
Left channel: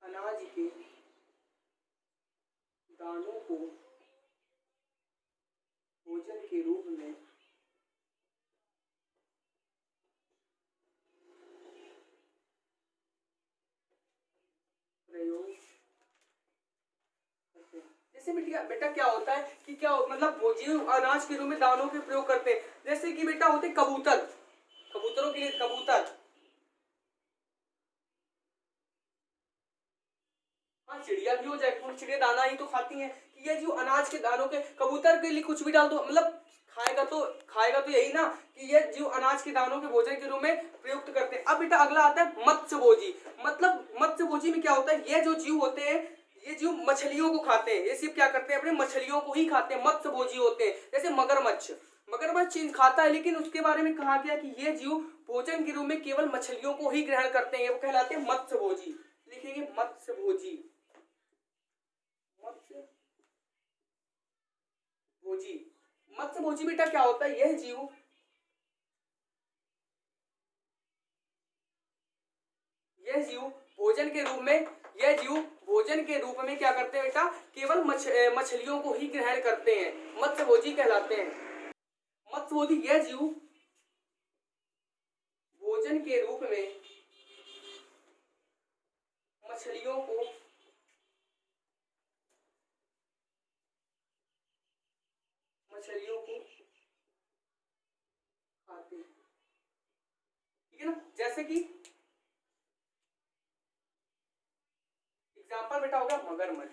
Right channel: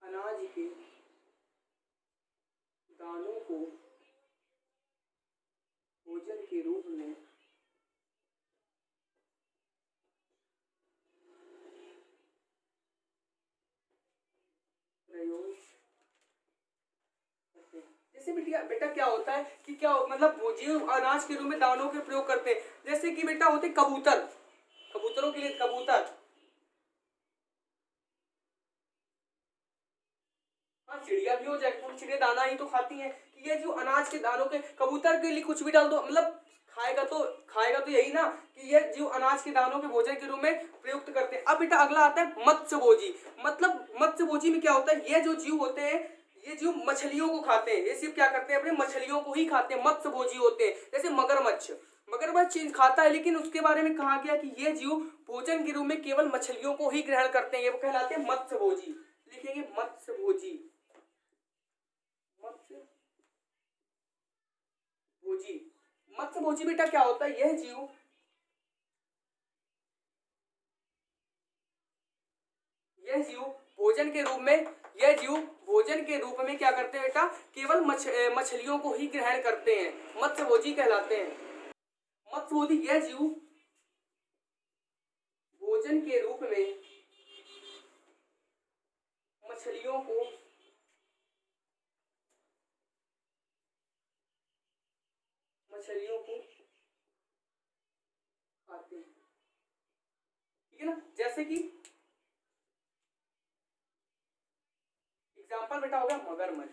अनाज के दानों को भोजन के रूप में प्रयोग करते हैं। जैसे बेटा क्या होता है कि क्या मतलब वो जीव अनाज के रूप में दानों के प्रयोग करते हैं। जैसे कि बेटा होते कबूतर, कबूतरों के लिए कबूतर, हाँ चिड़िया भी हो जाए, चिड़िया दाना ही तो खाती हैं। कि ये जो अनाज के दानों के, कबूतर के लिए कुछ भी डाल दो, मतलब खाएगा तो यही ना, कि ये जीव अनाज के दानों के भोजन के रूप में प्रयुक्त करते हैं। अब बेटा अगला आता है मत्स्यभोजी। मतलब मत्स्यभोजी में क्या होता है, ये जो जीव होते हैं, ये जीव मछलियों को खाते हैं। ये सिर्फ क्या करते हैं, अपने मछलियों को ही खाते हैं, मत्स्यभोजी होते हैं। जैसे मगरमच्छ, मगरमच्छ खाता है, लेकिन उसके बारे में कहा गया कि ये जीव भोजन के रूप में केवल मछलियों को ही ग्रहण करते हैं। ये कहलाते हैं मत्स्यभोजी। लिखेंगे मत्स्यभोजी, मत्स्यभोजी। मत्स्यभोजी बेटा क्या होता है, यह जीव भोजन के रूप में, यह जीव भोजन के रूप में क्या करते हैं बेटा, केवल मछलियों को ही ग्रहण करते हैं, मत्स्यभोजी कहलाते हैं। मत्स्यभोजी, यह जीव भोजन के रूप में मछलियों को खाते हैं, ठीक है ना। जैसे कि एग्जाम्पल बेटा हो गया मगरमच्छ,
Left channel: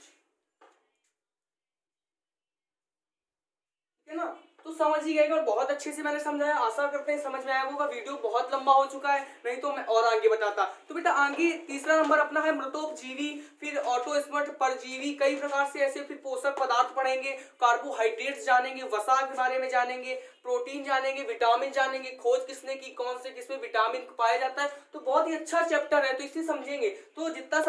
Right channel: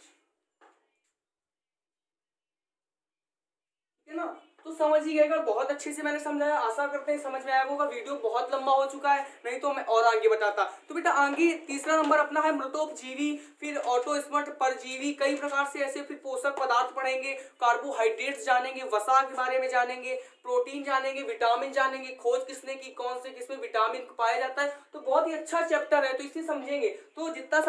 ठीक है ना। तो समझ ही गए, बहुत अच्छे से मैंने समझाया, आशा करते हैं समझ में आया होगा। वीडियो बहुत लंबा हो चुका है, नहीं तो मैं और आगे बताता। तो बेटा आगे तीसरा नंबर अपना है मृतोपजीवी, फिर ऑटोस्मर्ट, परजीवी, कई प्रकार से ऐसे, फिर पोषक पदार्थ पढ़ेंगे, कार्बोहाइड्रेट्स जानेंगे, वसा के बारे में जानेंगे, प्रोटीन जानेंगे, विटामिन जानेंगे, खोज किसने की, कौन से किसमें विटामिन पाया जाता है। तो बहुत ही अच्छा चैप्टर है, तो इसे समझेंगे। तो जितना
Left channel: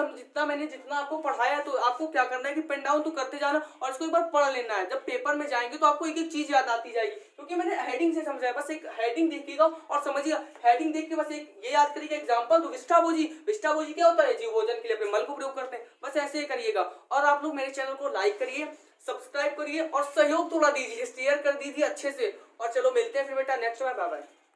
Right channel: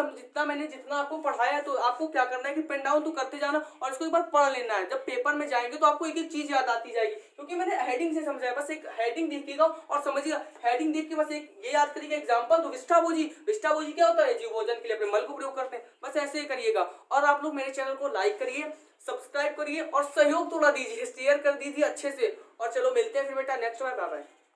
आपको पढ़ाया है, तो आपको क्या करना है कि पेन डाउन तो करते जाना, और इसको एक बार पढ़ लेना है। जब पेपर में जाएंगे तो आपको एक एक चीज याद आती जाएगी, क्योंकि मैंने हेडिंग से समझाया। बस एक हेडिंग देखिएगा और समझिएगा। हेडिंग देख के बस एक ये याद करिएगा एग्जांपल, तो विष्ठाभोजी, विष्ठाभोजी क्या होता है, जीव भोजन के लिए अपने मल को प्रयोग करते हैं। बस ऐसे ही करिएगा। और आप लोग मेरे चैनल को लाइक करिए, सब्सक्राइब करिए, और सहयोग थोड़ा दीजिए, शेयर कर दीजिए अच्छे से। और चलो मिलते हैं फिर बेटा नेक्स्ट बार, बाय बाय।